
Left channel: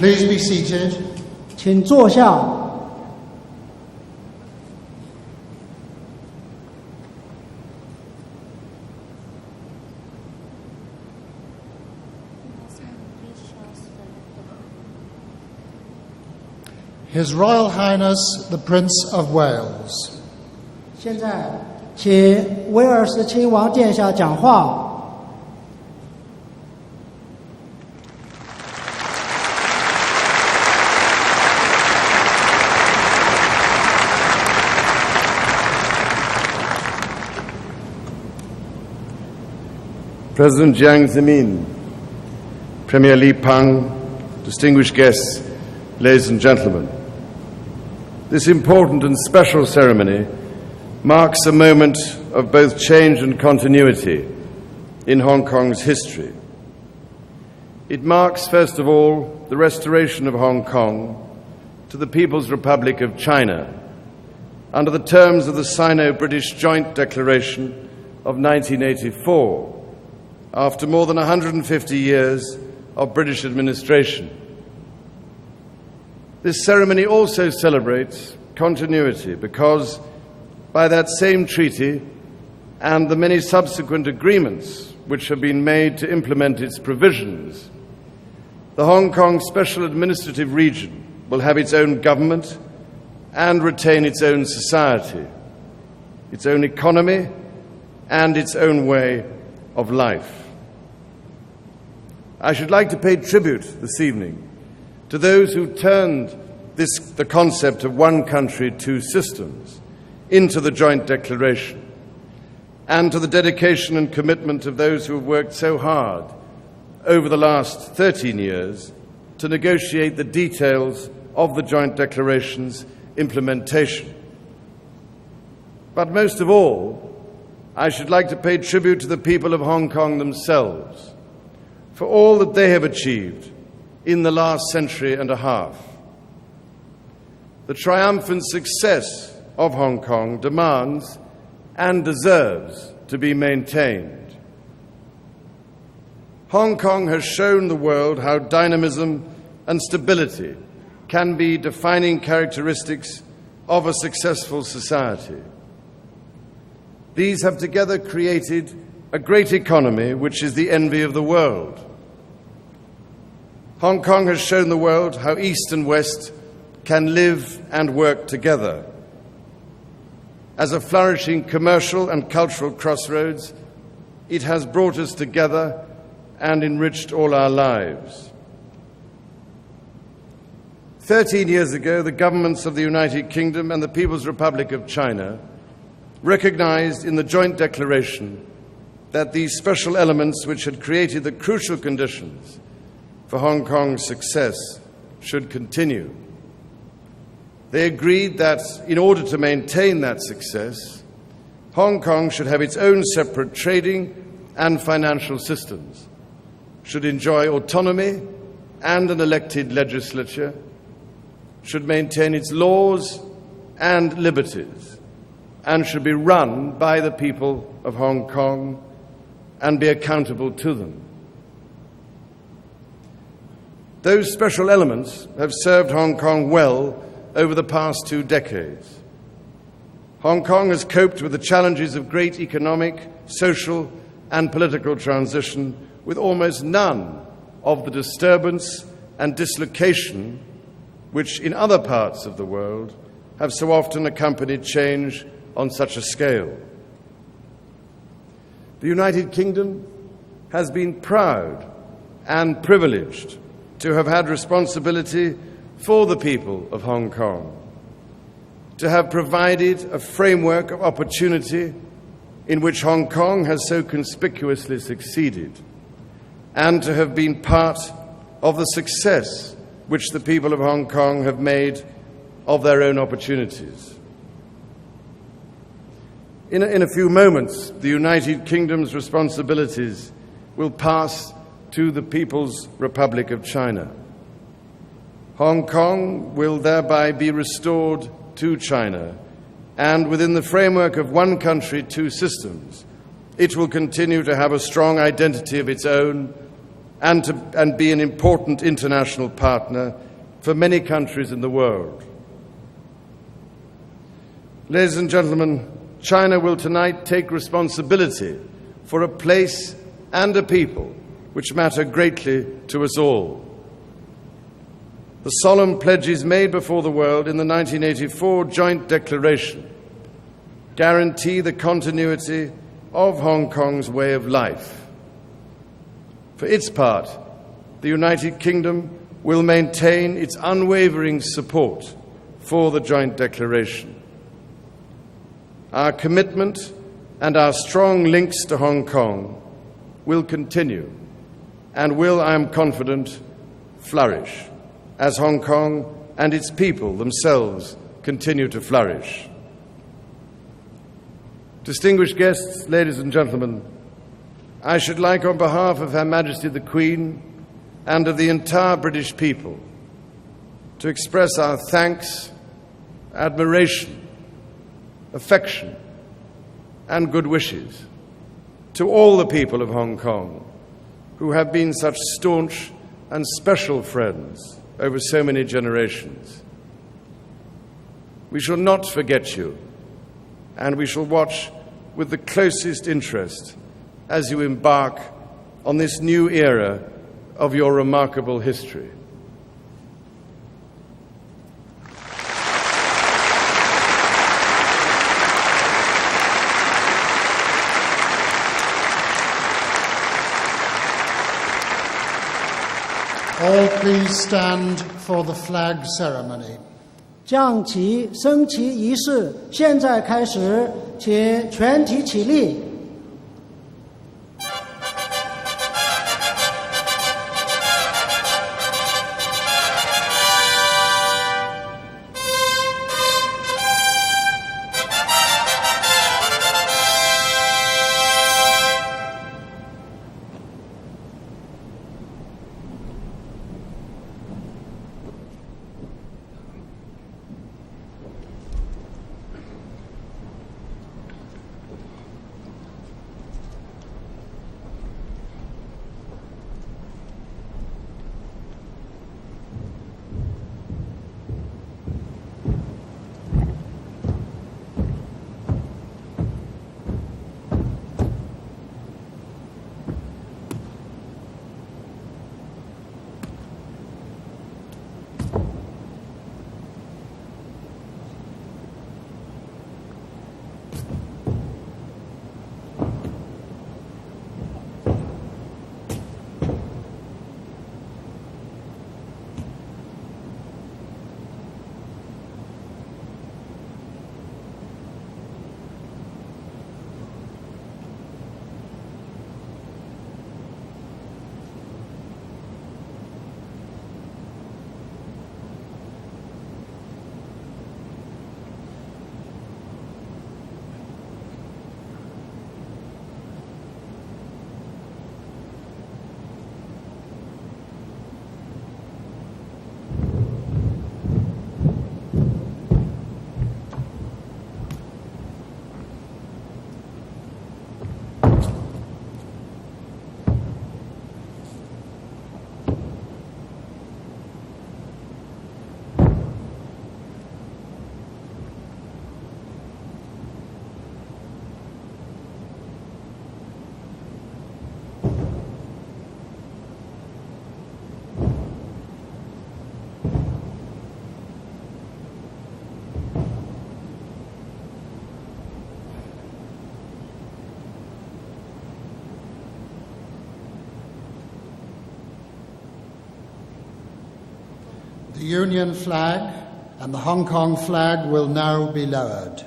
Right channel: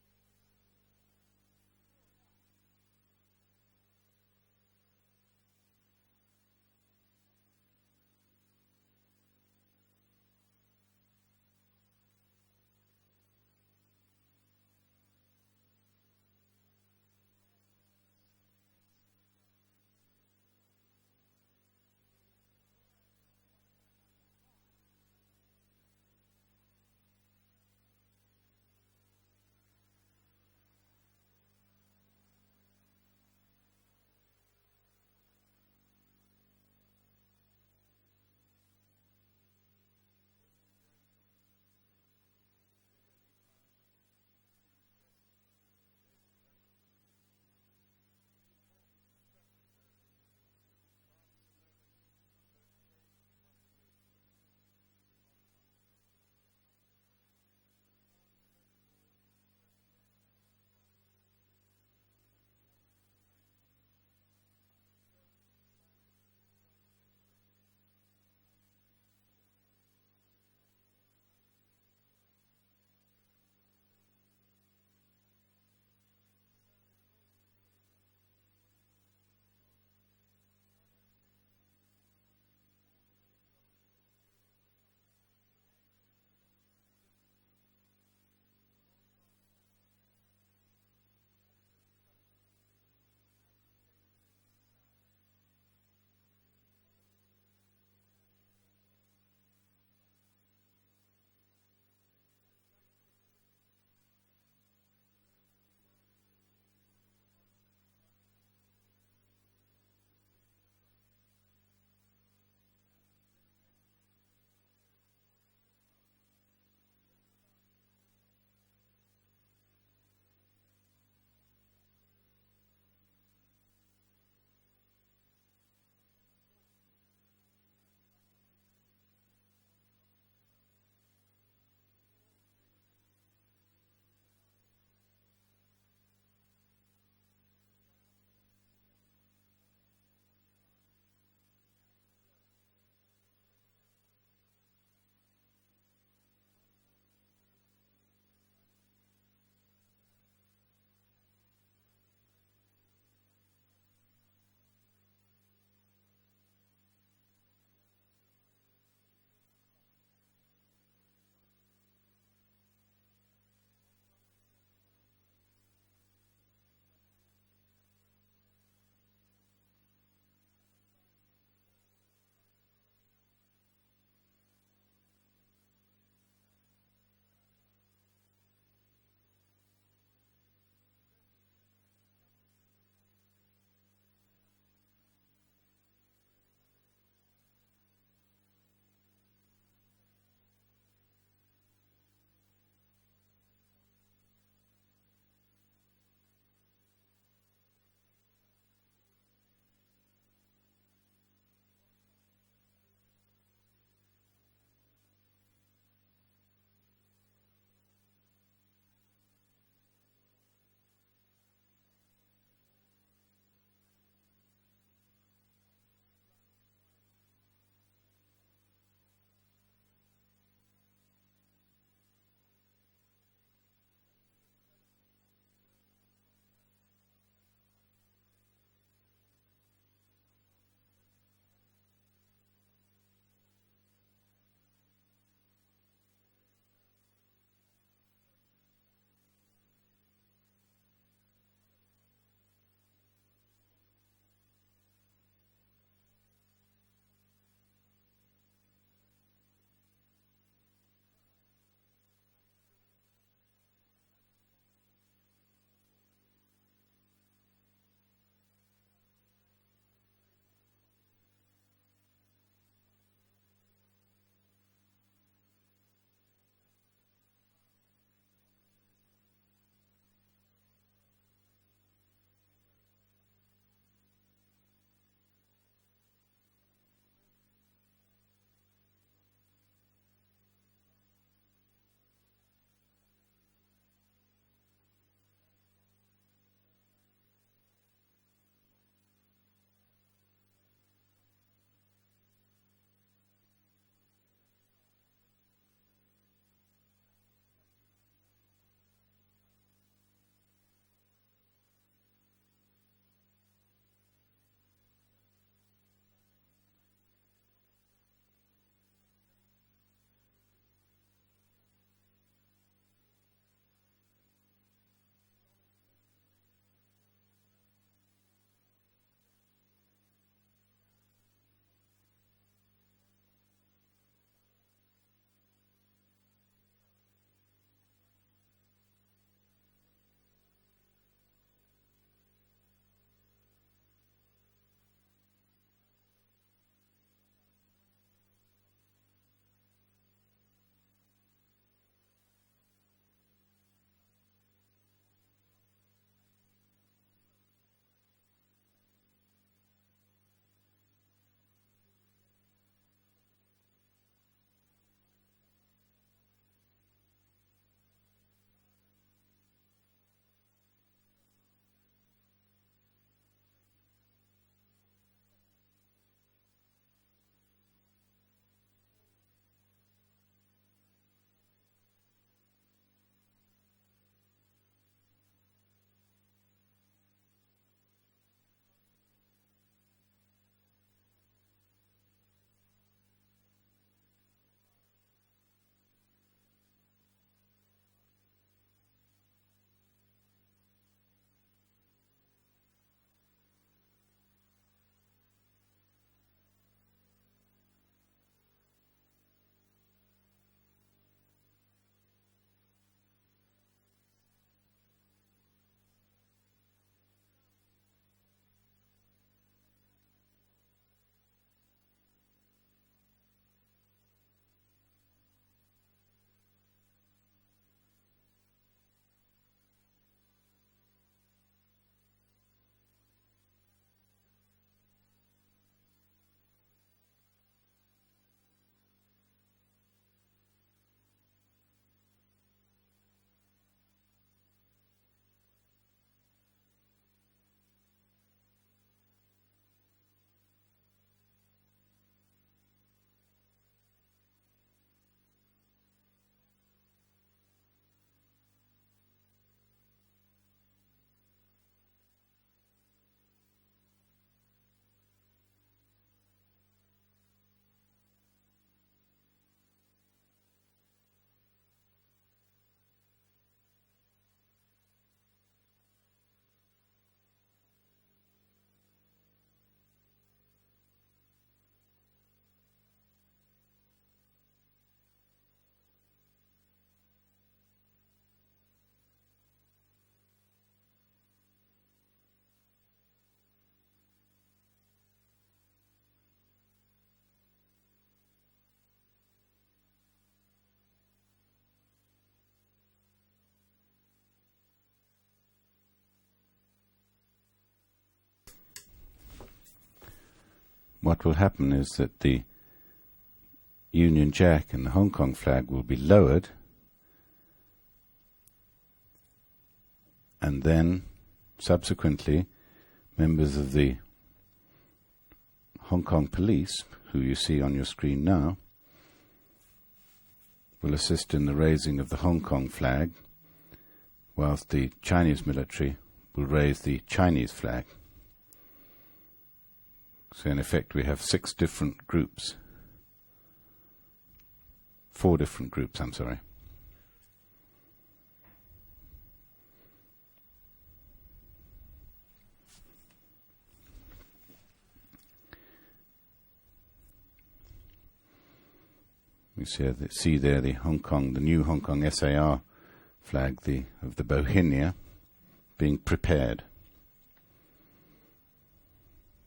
Please be seated. 请坐下。His Royal Highness the Prince of Wales. 现在，请威尔士亲王殿下讲话。President Jiang Zemin, Premier Li Peng, distinguished guests, ladies and gentlemen. This important and special ceremony marks a moment of both change and continuity in Hong Kong's history. It marks, first of all, the restoration of Hong Kong to the People's Republic of China under the terms of the Sino-British Joint Declaration of 1984, after more than 150 years of British administration. This ceremony also celebrates continuity because by that same treaty and the many subsequent agreements which have been made to implement its provisions, the Hong Kong Special Administrative Region will have its own government and retain its own society, its own economy and its own way of life. I should like to pay tribute this evening to those who turned the concept of one country, two systems into the joint declaration, and to the dedication and commitment of those who have worked so hard over the last 13 years to negotiate the details of the joint declaration's implementation. But most of all, I should like to pay tribute to the people of Hong Kong themselves for all that they have achieved in the last century and a half. The triumphant success of Hong Kong demands and deserves to be maintained. Hong Kong has shown the world how dynamism and stability can be defining characteristics of a successful society. These have together created a great economy which is the envy of the world. Hong Kong has shown the world how East and West can live and work together. As a flourishing commercial and cultural crossroads, it has brought us together and enriched all our lives. 13 years ago, the governments of the United Kingdom and the People's Republic of China recognized in the joint declaration that these special elements which had created the crucial conditions for Hong Kong's success should continue. They agreed that in order to maintain that success, Hong Kong should have its own separate trading and financial systems, should enjoy autonomy and an elected legislature, should maintain its laws and liberties, and should be run by the people of Hong Kong and be accountable to them. Those special elements have served Hong Kong well over the past 2 decades. Hong Kong has coped with the challenges of great economic, social, and political transition with almost none of the disturbance and dislocation which in other parts of the world have so often accompanied change on such a scale. The United Kingdom has been proud and privileged to have had responsibility for the people of Hong Kong, to have provided a framework of opportunity in which Hong Kong has so conspicuously succeeded, and to have been part of the success which the people of Hong Kong have made of their own opportunities. In a few moments, the United Kingdom's responsibilities will pass to the People's Republic of China. Hong Kong will thereby be restored to China, and within the framework of one country, two systems, it will continue to have a strong identity of its own and be an important international partner for many countries in the world. Ladies and gentlemen, China will tonight take responsibility for a place and a people which matter greatly to us all. The solemn pledges made before the world in the 1984 Joint Declaration guarantee the continuity of Hong Kong's way of life. For its part, the United Kingdom will maintain its unwavering support for the Joint Declaration. Our commitment and our strong links to Hong Kong will continue and will, I am confident, flourish as Hong Kong and its people themselves continue to flourish. Distinguished guests, ladies and gentlemen, I should like, on behalf of Her Majesty the Queen and of the entire British people, to express our thanks, admiration, affection, and good wishes to all the people of Hong Kong who have been such staunch and special friends over so many generations. We shall not forget you, and we shall watch with the closest interest as you embark on this new era of your remarkable history. All please stand for the flag ceremony. 降旗升旗仪式现在开始，请全体起立。What will happen is that the Union Jack and the Hong Kong flag will be lowered, and then subsequently members of the Hong Kong police, who you see on your screen now, will assist in the raising of the Hong Kong flag, whilst the Chinese military will raise the Chinese flag. So in effect we have 6 different groups. 4 different groups, I'm sorry. You see there the Hong Kong, the new Hong Kong SAR flag, the Bohinia. The Union flag prepared. And the Hong Kong flag will now be lowered.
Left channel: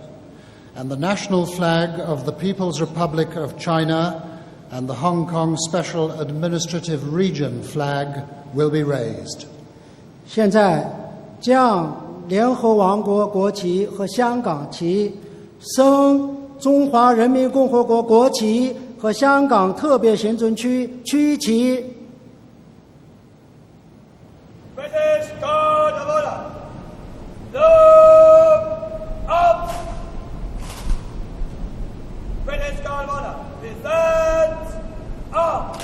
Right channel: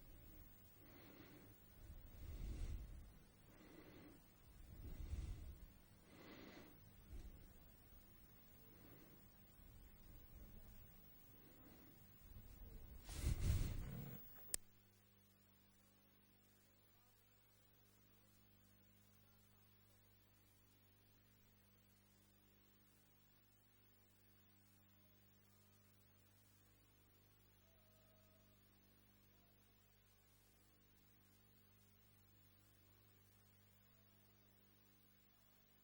And the national flag of the People's Republic of China and the Hong Kong Special Administrative Region flag will be raised. 现在将联合王国国旗和香港旗升中华人民共和国国旗和香港特别行政区区旗。 British Guard of Honor, look up! British Guard of Honor, present up!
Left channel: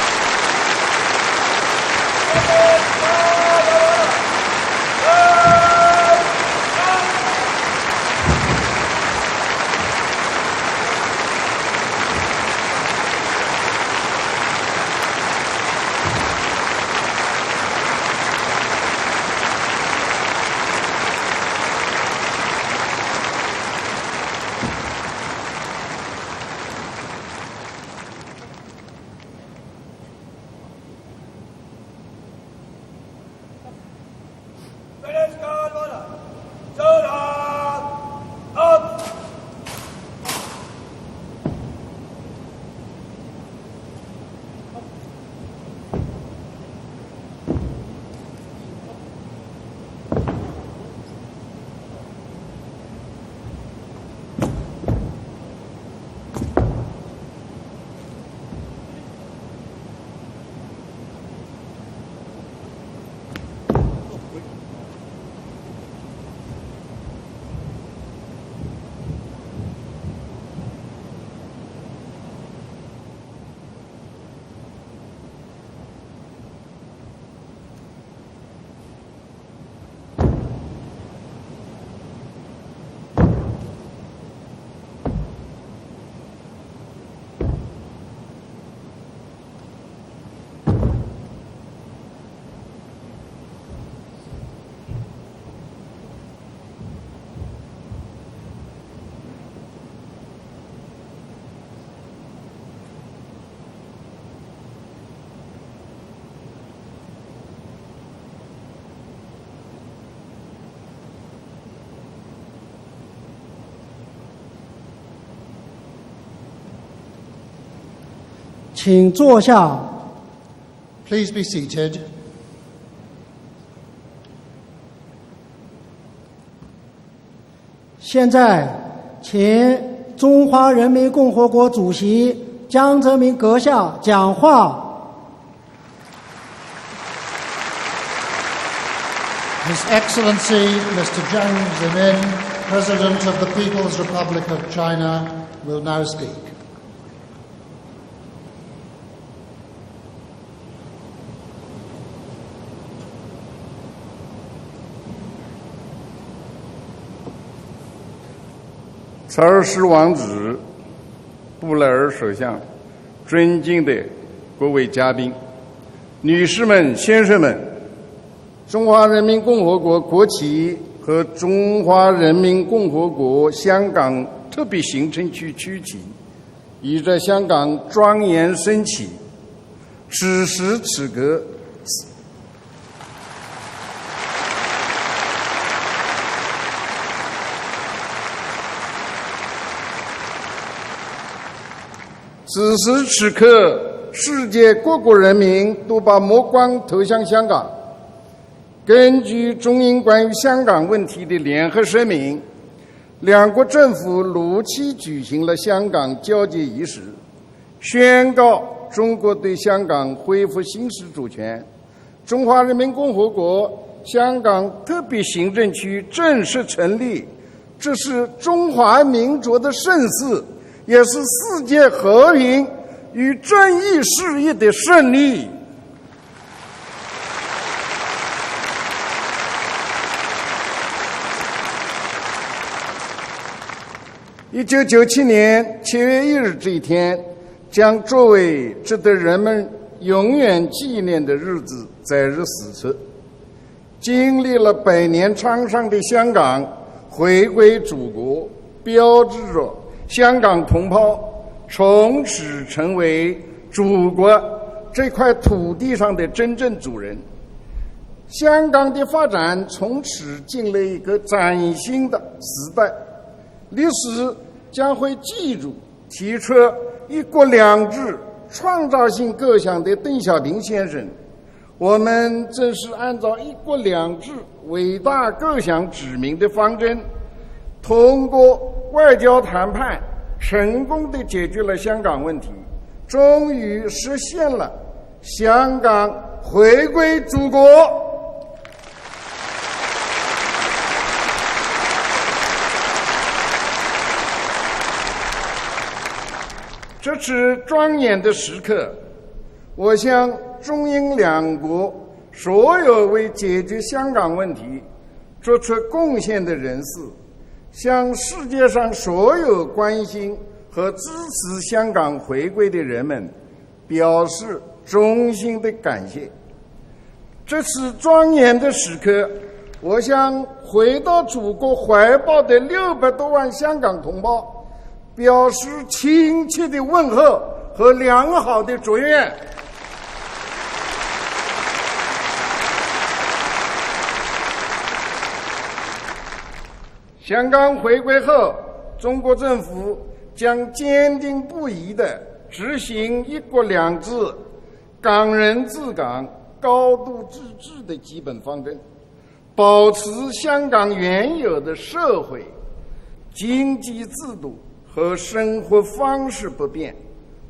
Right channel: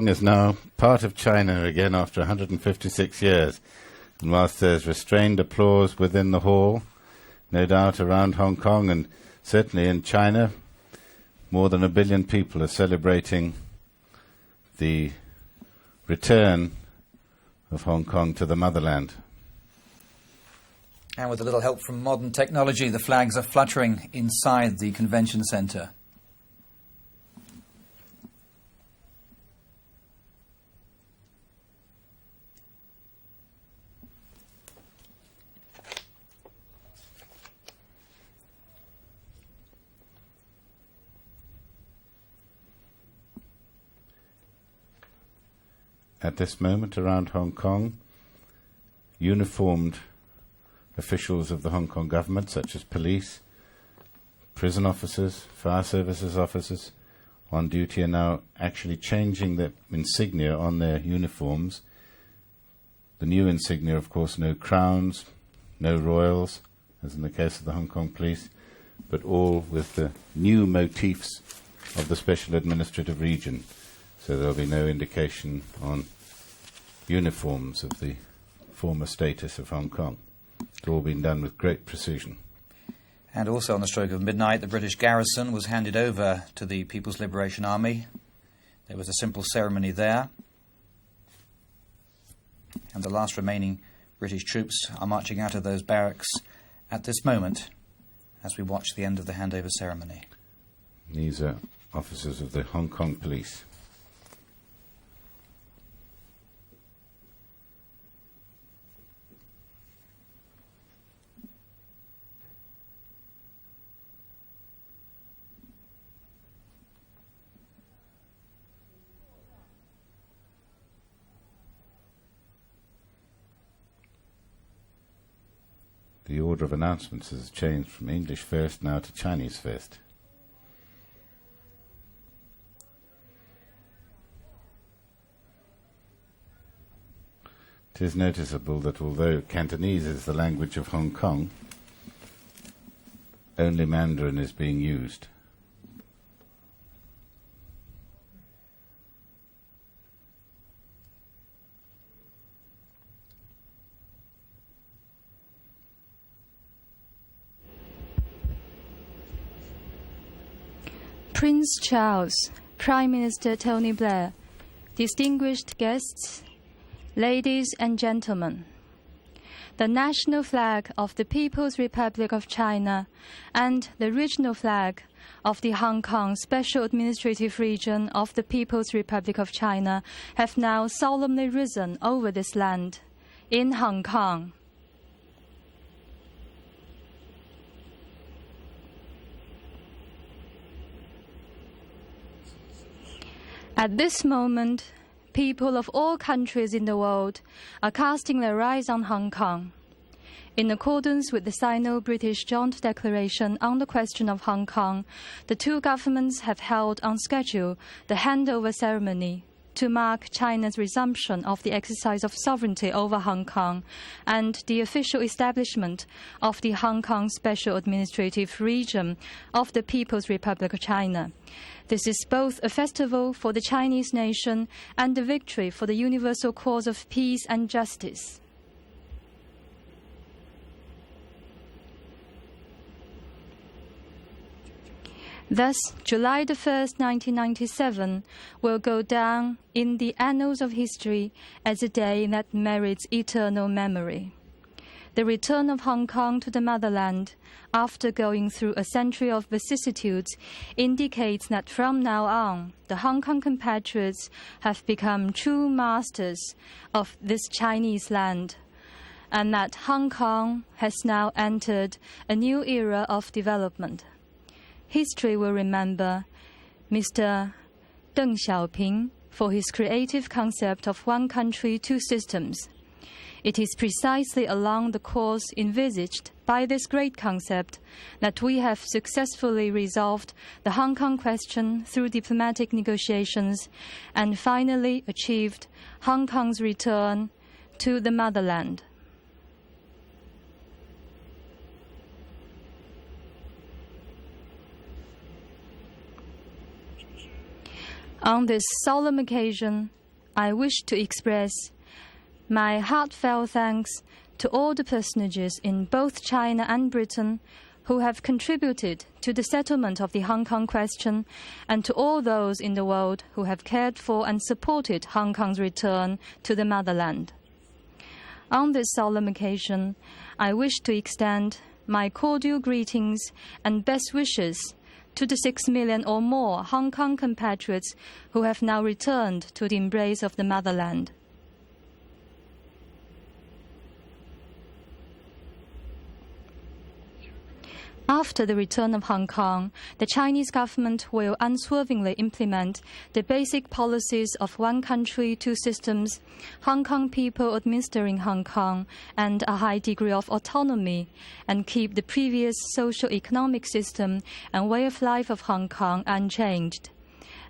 Kong is now part of China again after 156 years. And whilst there's a strained applause within the hall, no doubt around Hong Kong and certainly in China, more than 1 billion people are celebrating the return of Hong Kong to the motherland. With all hope for modern technology, the flags are fluttering inside the convention centre. British Guard of Honor. Soldier. Up. At this moment around Hong Kong, uniformed officials of the Hong Kong government, such as police, prison officers, fire services officers on duty, are now actually changing the insignia on their uniforms. The new insignia, of course, no crowns, no royals, as in the case of the Hong Kong police, but all with the new motifs of the Special Administrative Region. So there'll be no indication on uniforms of the former status of Hong Kong. It's all been done with great precision. And also on the stroke of midnight, the British garrison was handed over to the People's Liberation Army. There was a simple ceremony there. And the last remaining British troops are marching out of those barracks at this moment as we watch the end of the handover ceremony. These are officers of the Hong Kong police.请坐下。 Please be seated. The order of announcements has changed from 现在 English now to Chinese. 请中华人民共和国主席江泽民阁下讲话。 Please notice that although His Excellency Mr. Jiang Zemin, President of the People's Republic of China, will now speak.查尔斯王子、 Prince 布莱尔首 Charles, 相、 Prime Minister 尊敬 Tony 的 Blair, 各位嘉宾、 distinguished guests, 女士们、先生们， ladies and gentlemen, 中华人民共和国 The 国 national 旗 flag of 和 the People's 中华人民 Republic of 共和 China 国 and 香 the 港 original 特别 flag 行政区 of 区 the 旗 Hong Kong Special 倚着香 Administrative 港 Region 庄 of 严 the 升 People's 起。 Republic of China 此 has 时 now 此刻 solemnly risen over this land in Hong Kong. 此时此刻， At this 世界各国人民 people of 都把 all 目 countries 光 in the 投向 world 香港。 are casting their eyes on 根 Hong 据 Kong. 中英关于香 In 港问题 accordance 的 with 联 the 合声 Sino-British 明， Joint Declaration 两国 on 政 the 府 question of 如 Hong 期 Kong, 举行 the 了 two 香港 governments 交 have 接仪 held 式， on schedule 宣告 the 中国 handover 对香 ceremony 港 to 恢复 mark 行使 China's 主 resumption 权 of the exercise。of 中华人 sovereignty 民共 over 和 Hong 国 Kong 香港 and the 特 official 别行政区 establishment 正 of 式 the 成 Hong 立 Kong， Special 这是 Administrative 中华 Region 民族 of 的 the 盛 People's 事， Republic of 也是 China. 世界 This is 和 both 平 a festival 与 for the 正义 Chinese 事业 nation 的胜 and a 利。 victory for the universal cause of peace and justice. 1997年 Thus, 7月1 July 日 the 这一 1st, 天， 1997将作为 will 值 go 得人 down 们 in the 永 annals 远 of 纪念的日 history as 子 a day 在日 that 死。 merits eternal memory. 经历了100 The 年 return 创 of 伤的 Hong 香 Kong to 港 the motherland 回归祖 after 国 going through a，标 century 志 of 着 vicissitudes 香港同胞 indicates that 从 from 此 now on, 成 the 为 Hong Kong 祖 compatriots 国 have 这 become 块 true 土地上的 masters 真正主 of 人。 this Chinese land. 香港的发 And 展 that 从 Hong 此 Kong 进了一 has 个 now 崭新 entered 的 a new 时代 era。of 历 development. 史将会 History 记 will 住 remember 提出一国两制 Deng Xiaoping 创造性 for 构 his 想的邓 creative 小平 concept 先 of 生。 one country, 我 two 们 systems. 正是按照一 It is 国两制 precisely along 伟 the 大 course 构想指 envisaged 明的 by 方 this 针， great concept 通 that 过 we have 外交 successfully 谈判 resolved 成 the Hong 功 Kong 地解决 question 了香 through 港问题， diplomatic 终 negotiations 于实 and 现了 finally achieved 香 Hong 港 Kong's 回归 return 祖国。 to the motherland. 这次庄严的 On 时 this 刻， solemn occasion, 我向 I wish 中 to 英两 express 国所 my 有为 heartfelt 解决 thanks 香港 to 问 all 题 the personages 做出 in 贡 both 献的 China 人 and 士， Britain who 向 have 世界上 contributed 所 to the 有关 settlement of the 心 Hong Kong 和 question 支持 and 香 to 港 all 回 those 归 in 的 the 人 world 们 who have cared 表 for and 示 supported 衷 Hong 心 Kong's 的感 return 谢。 to the motherland. 这次庄严 On 的 this 时 solemn 刻， occasion, 我向 I wish to 回到祖 extend 国怀抱 cordial 的600多 greetings 万香 and 港 best 同胞 wishes to the 表 6 示 million or 亲 more 切的 Hong 问 Kong 候 compatriots 和 who 良 have 好的 now 祝愿。 returned to the embrace of the motherland. 香港回归 After 后 the return，of 中 Hong 国政 Kong, 府 the Chinese 将 government 坚 will 定不移 unswervingly 地 implement 执行 the 一国 basic 两制 policies of one country, 港 two 人治 systems, 港 Hong 高 Kong 度 people 自治的 administering 基 Hong 本方 Kong, 针， and a 保 high 持 degree of 香港 autonomy, 原有 and 的 keep 社 the 会 previous social-economic 经济 system 制度 and way of 和 life of 生 Hong 活 Kong 方式不 unchanged, 变，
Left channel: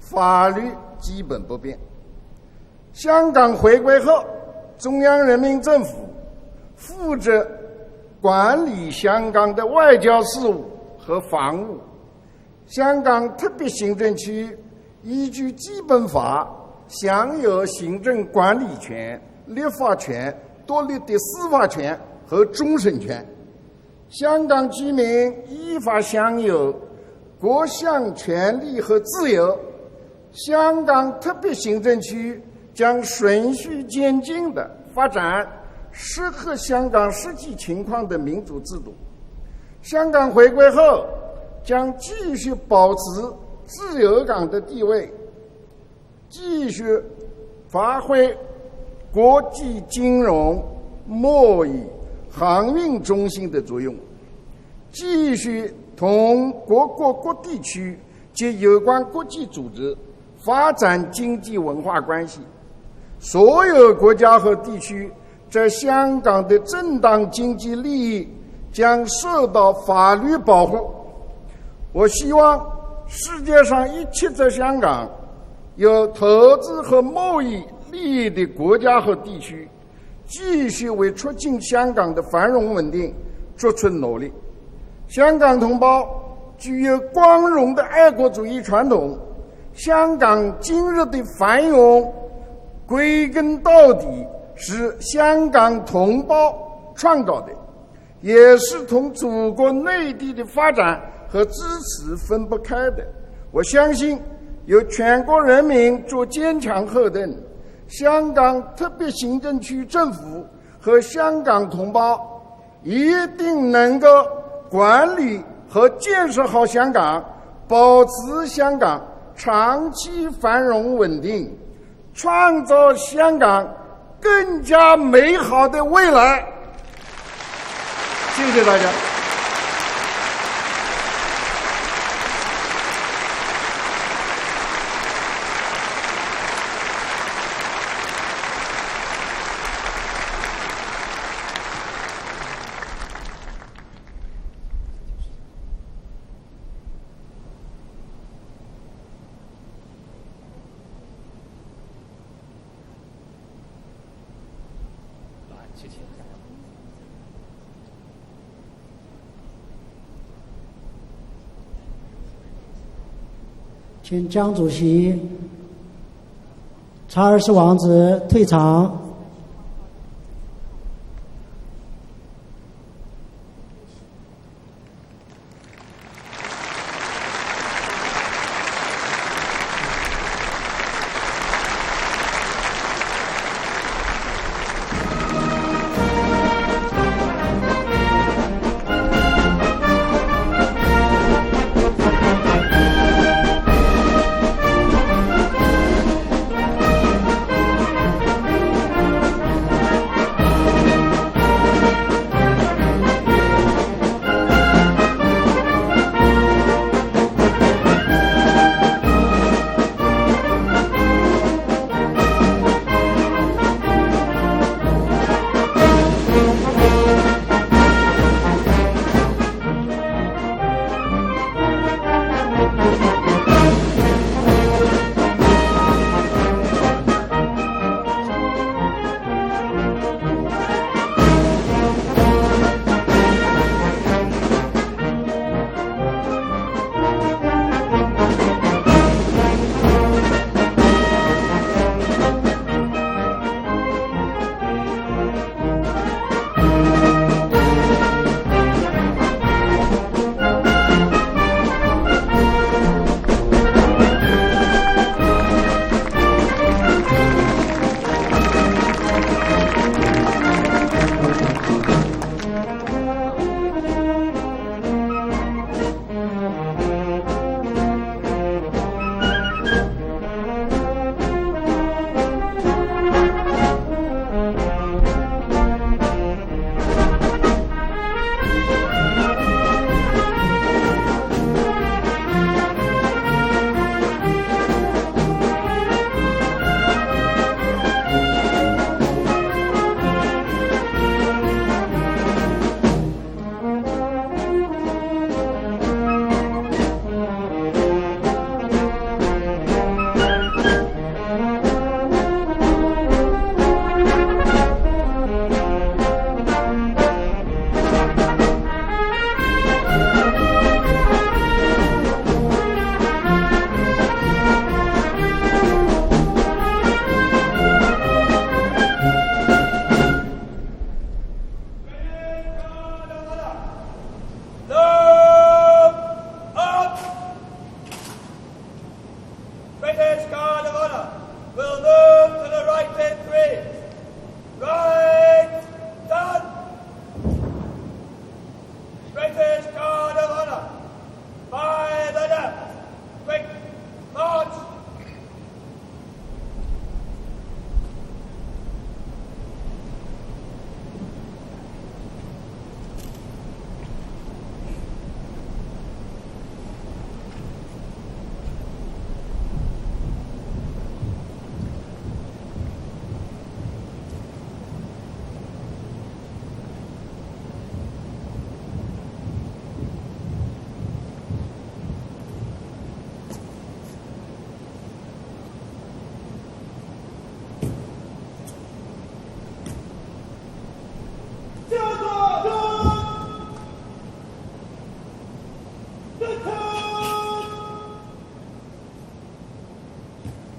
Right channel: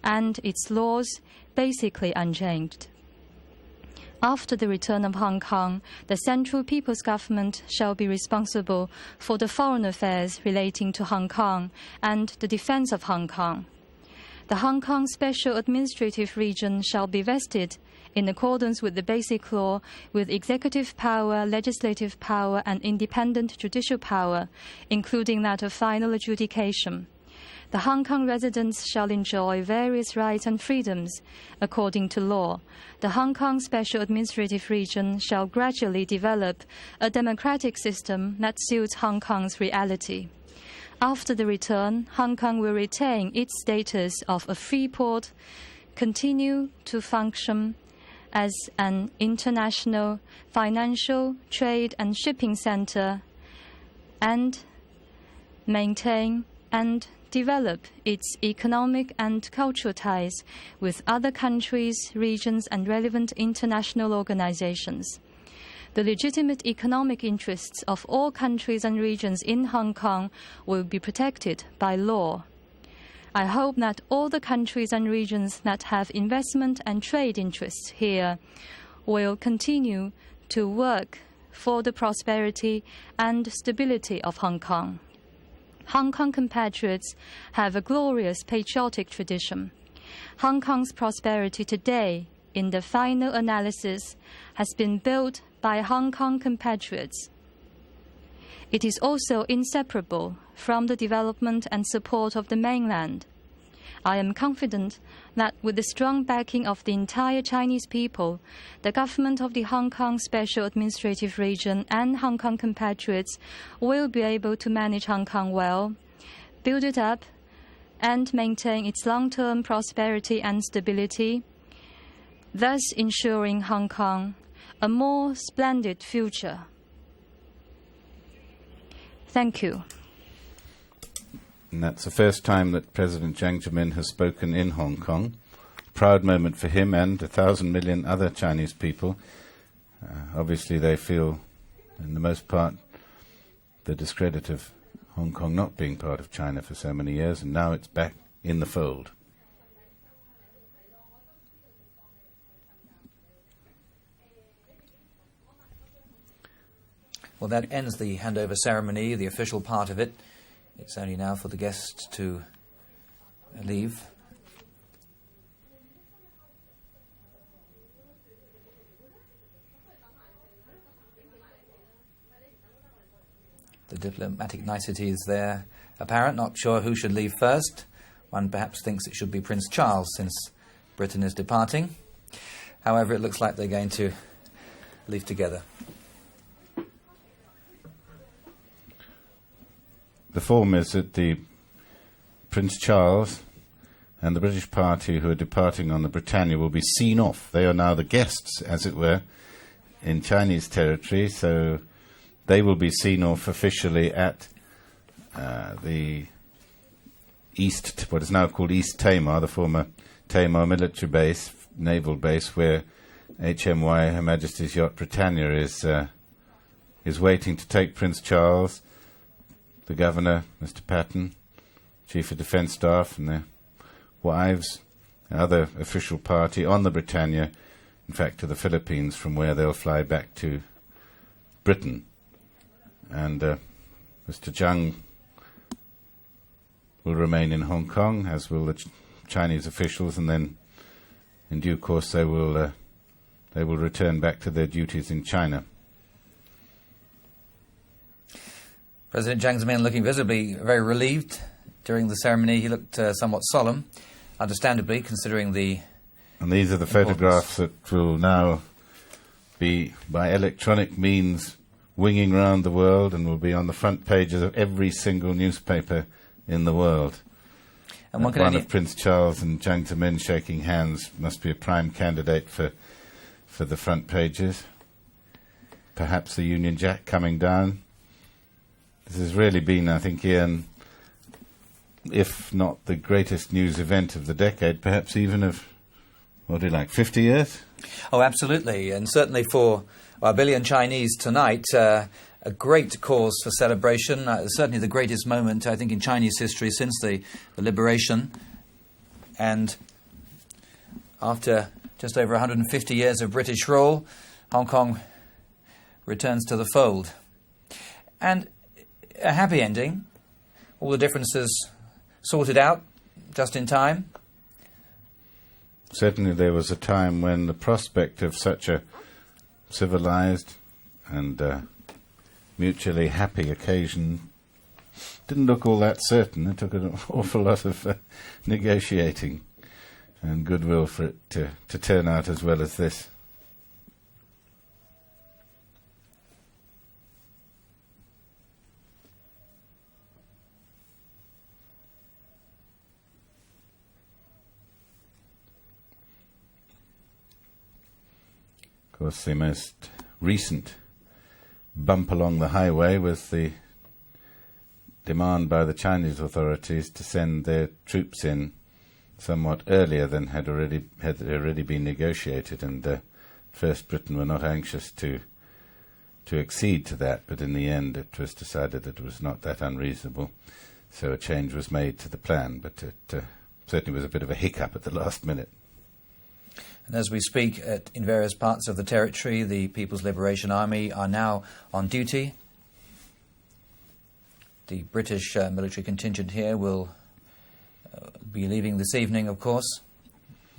法 and 律 its laws 基本不变。 basically unchanged. 香港回归后， After the 中 return 央 of 人 Hong 民政 Kong, 府 the Central People's 负责 Government shall be 管 responsible 理香 for 港 the 的 foreign 外交 affairs 事务 relating to 和 Hong 防 Kong 务。 and the defense 香 of 港 Hong 特 Kong. 别行政区 The Hong Kong 依据 Special 基本 Administrative 法 Region shall 享 be 有 vested 行 in 政管理 accordance with the 权、 basic 立 law 法 with 权、多 executive 立的 power, 司法权 legislative 和 power, 终 and 审权。 independent judicial 香 power, 港居民 including that of 依法 final 享有 adjudication. 各 The Hong 项 Kong 权利 residents 和 shall 自由。 enjoy various rights and 香港 freedoms 特别行政 according to 区 law. 将 The Hong 循 Kong 序 Special 渐进 Administrative 地 Region 发 shall 展 gradually 适合 develop 香 a 港实际 democratic 情况的 system 民 that 主制 suits 度。 Hong Kong's 香 reality. 港回归后， After the 将 return, 继 Hong 续 Kong will 保持 retain its 自 status 由 of 港 a 的地 free 位， port, 继 continue 续 to function 发挥 as an 国际 international 金融、 financial, 贸易 trade and shipping 航运 center 中心的作用， and 继续 maintain 同各 and 国各地 develop 区 its 及有关 economic 国 and 际组 cultural 织 ties 发展 with 经 other 济文化 countries, 关系。 regions and relevant 所有 international 国家和地区 organizations. 在 The 香港的 legitimate 正当 economic 经济 interests 利 of 益 all countries and 将 regions 受 in 到 Hong 法律 Kong 保 will 护。 be protected by 我希 law. 望世 I 界 hope 上 that 一 all 切 the 在香 countries 港 and regions that 有 have 投资 investment 和 and 贸 trade 易 interests 利益 here 的国家和 will 地区， continue 继 to 续为 work 促进 for 香 the 港的繁荣稳 prosperity 定 and 做出努 stability 力。 of Hong Kong. 香港同胞 Hong Kong 具有 compatriots 光荣 have 的 a 爱国 glorious 主义传 patriotic 统， tradition. 香 Hong 港今 Kong's 日的 prosperity 繁荣 today, in the 归 final 根到 analysis, 底 has 是 been 香 built 港 by 同 Hong 胞 Kong compatriots. 创造的，也是 It is 同 also 祖国内 inseparable 地的 from 发 the 展和 development 支 and 持 support 分 of 不 the 开的。 mainland. 我相信 I am 有 confident 全国 that 人 with the 民 strong 做坚 backing 强 of the 后盾 entire，Chinese 香 people, 港 the 特别行 government of 政 the 区 Hong 政 Kong 府 Special 和 Administrative 香港 Region 同 and 胞 Hong Kong 一 compatriots 定能 will 够 be able to manage 管 Hong 理 Kong 和 well, 建设好 build 香 it 港 up，保 and 持 maintain 香港 its long-term 长期 prosperity 繁 and 荣稳 stability, 定，创造 thus 香 ensuring 港 Hong Kong 更加 a more 美好的 splendid 未来。 future. 谢谢大家。 Thank you. It's the first time that President Jiang has spoken in Hong Kong. Proud moment for him and 1,000 million other Chinese people. Obviously they feel, for the most part, the discredit of Hong Kong not being part of China for so many years, and now it's back in the fold. Well, that ends the handover ceremony, the official part of it. It's only now for the guests to leave. 请江主席、查尔斯王子退场。 The diplomatic niceties there apparent, not sure who should leave first. One perhaps thinks it should be Prince Charles since Britain is departing. However, it looks like we're going to move together. Performers of the Prince Charles and the British branch of the Parliament of Britannia will be seen off. They are now the guests, as it were, in Chinese territory, so they will be seen off officially at the East Tamar, former Tamar military base, naval base, where HMY Her Majesty's Yacht Britannia somewhat solemn, understandably, considering the Leaving photographs will now be electronic means winging around the world and will be on the front pages of every single newspaper in the world. One of Prince Charles and Jiang's men shaking hands must be a prime candidate for the front pages. Perhaps the Union Jack coming down. It's really been, I think, if not the greatest news event of the decade, perhaps even of 50 years. Oh, absolutely, and certainly for a billion Chinese tonight, great cause for celebration. Certainly the greatest moment, I think, in Chinese history since the liberation. And after just over 150 years of British rule, Hong Kong returns to the fold. And a happy ending. All the differences sorted out just in time. Certainly there was a time when the prospect of such a civilized and mutually happy occasion didn't look all that certain. It took an awful lot of negotiating and goodwill for it to turn out as well as this. Right, done. British Guard of Honor, by the left, quick, march. Of course, the most recent bump along the highway was the demand by the Chinese authorities to send their troops in somewhat earlier than had already been negotiated, and first Britain were not anxious to accede to that, but in the end it was decided that it was not that unreasonable, so a change was made to the plan, but it certainly was a bit of a hiccup at the last minute. As we speak, in various parts of the territory, the People's Liberation Army are now on duty. The British military contingent here will be leaving this evening, of course.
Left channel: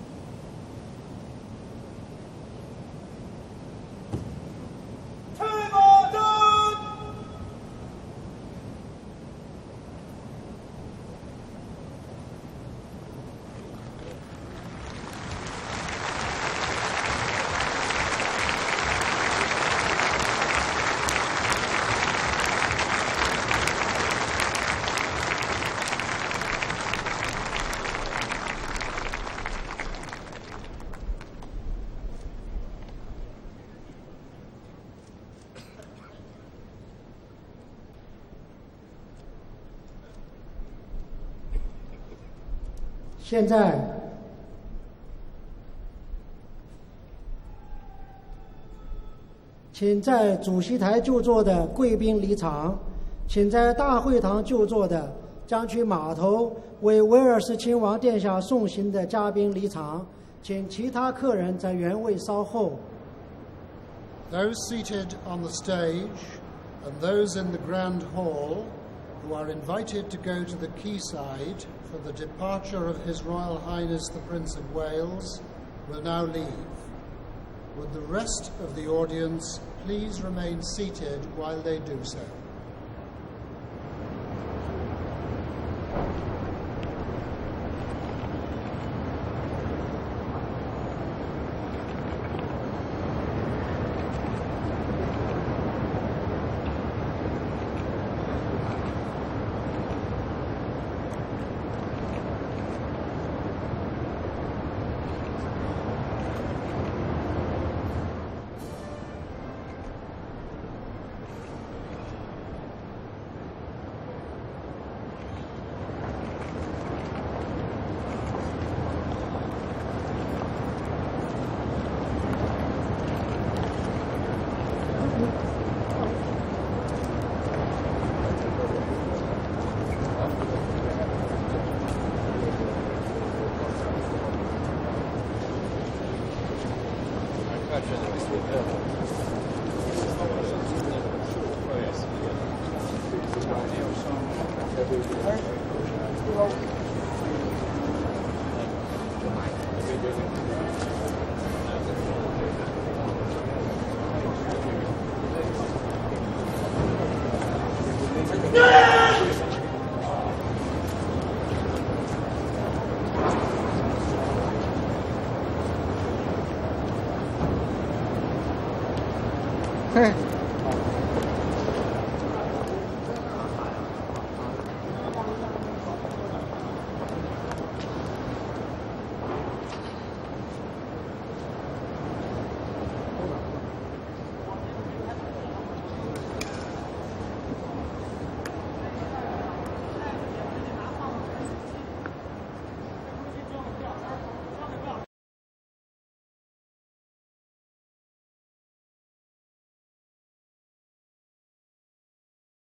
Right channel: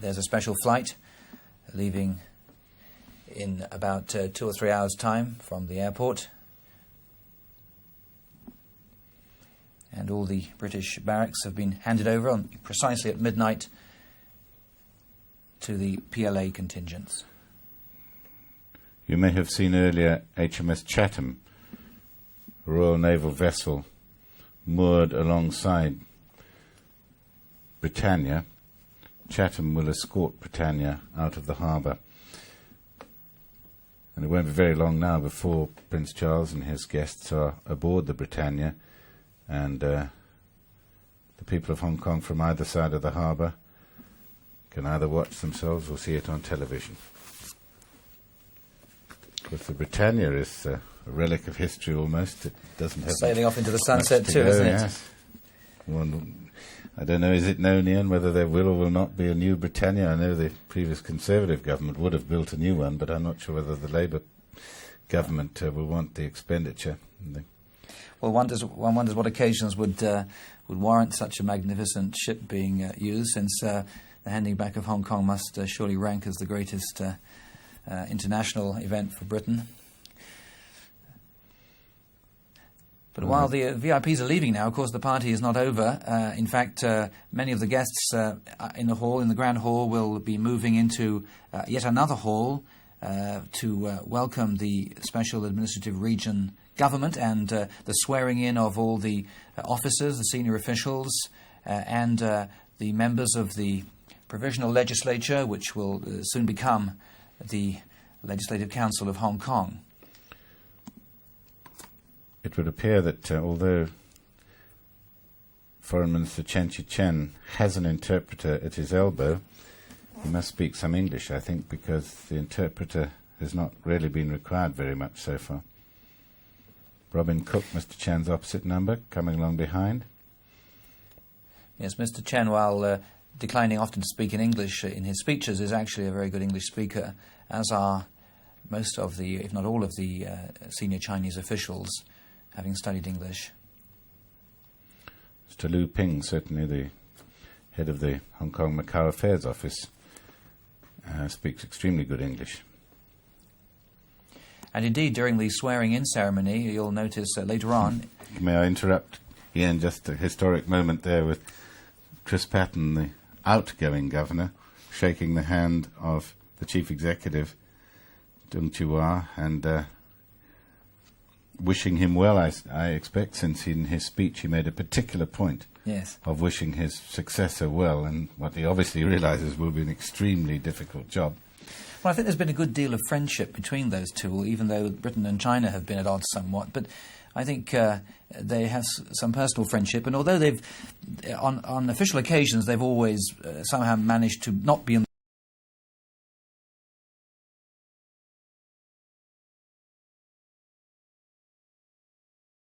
There's a special flight leaving in about 2 or 3 hours' time from the airport. And all the British barracks have been handed over on precisely at midnight to the PLA contingents. You may have seen earlier HMS Chatham, the Royal Naval vessel moored alongside Britannia. Chatham will escort Britannia out of the harbour. And it won't be very long now before Prince Charles and his guests are aboard the Britannia, and the people of Hong Kong from either side of the harbour can either watch themselves or see it on television. Because the Britannia is relic of history almost. It doesn't have Sailing off into the sunset too, isn't it? I don't know, is it known yet whether there will or will not be a new Britannia? I know the previous Conservative government would have built a new one, but I'm not sure whether the Labour government will want the expenditure. Well, one wonders what occasions would warrant such a magnificent ship being used, since the handing back of Hong Kong must surely rank as the greatest international event for Britain. Please remain seated while they do so. But while the VIPs are leaving now, of course, the party is not over. In fact, many of the guests in the hall, in the Grand Hall, will be moving into yet another hall to welcome the Special Administrative Region government and the swearing in of all the officers, the senior officials, and the members of the Provisional Legislature, which will soon become the Legislative Council of Hong Kong. It would appear that although Foreign Minister Chen has an interpreter at his elbow, he must speak some English, I think, because the interpreter has not really been required very much so far. Robin Cook, Mr. Chen's opposite number, coming along behind. Yes, Mr. Chen, while declining often to speak in English, in his speeches is actually a very good English speaker, as are most of the, not all of the senior Chinese officials. Understanding English. To Lu Ping, certainly the head of the Hong Kong Macau Affairs Office, speaks extremely good English. And indeed, during the swearing-in ceremony, you'll notice later on. May I interrupt? Again, just a historic moment there with Beatrice Patten, the outgoing governor, shaking the hand of Chief Executive Wu Chihuahua and wishing him well, I expect, since in his speech he made a particular point of wishing his successor well, and what he obviously realizes will be an extremely difficult job. Well, I think there's been a good deal of friendship between those two, even though Britain and China have been at odds somewhat. But I think they have some personal friendship, and although they've, on official occasions, they've always somehow managed to not be in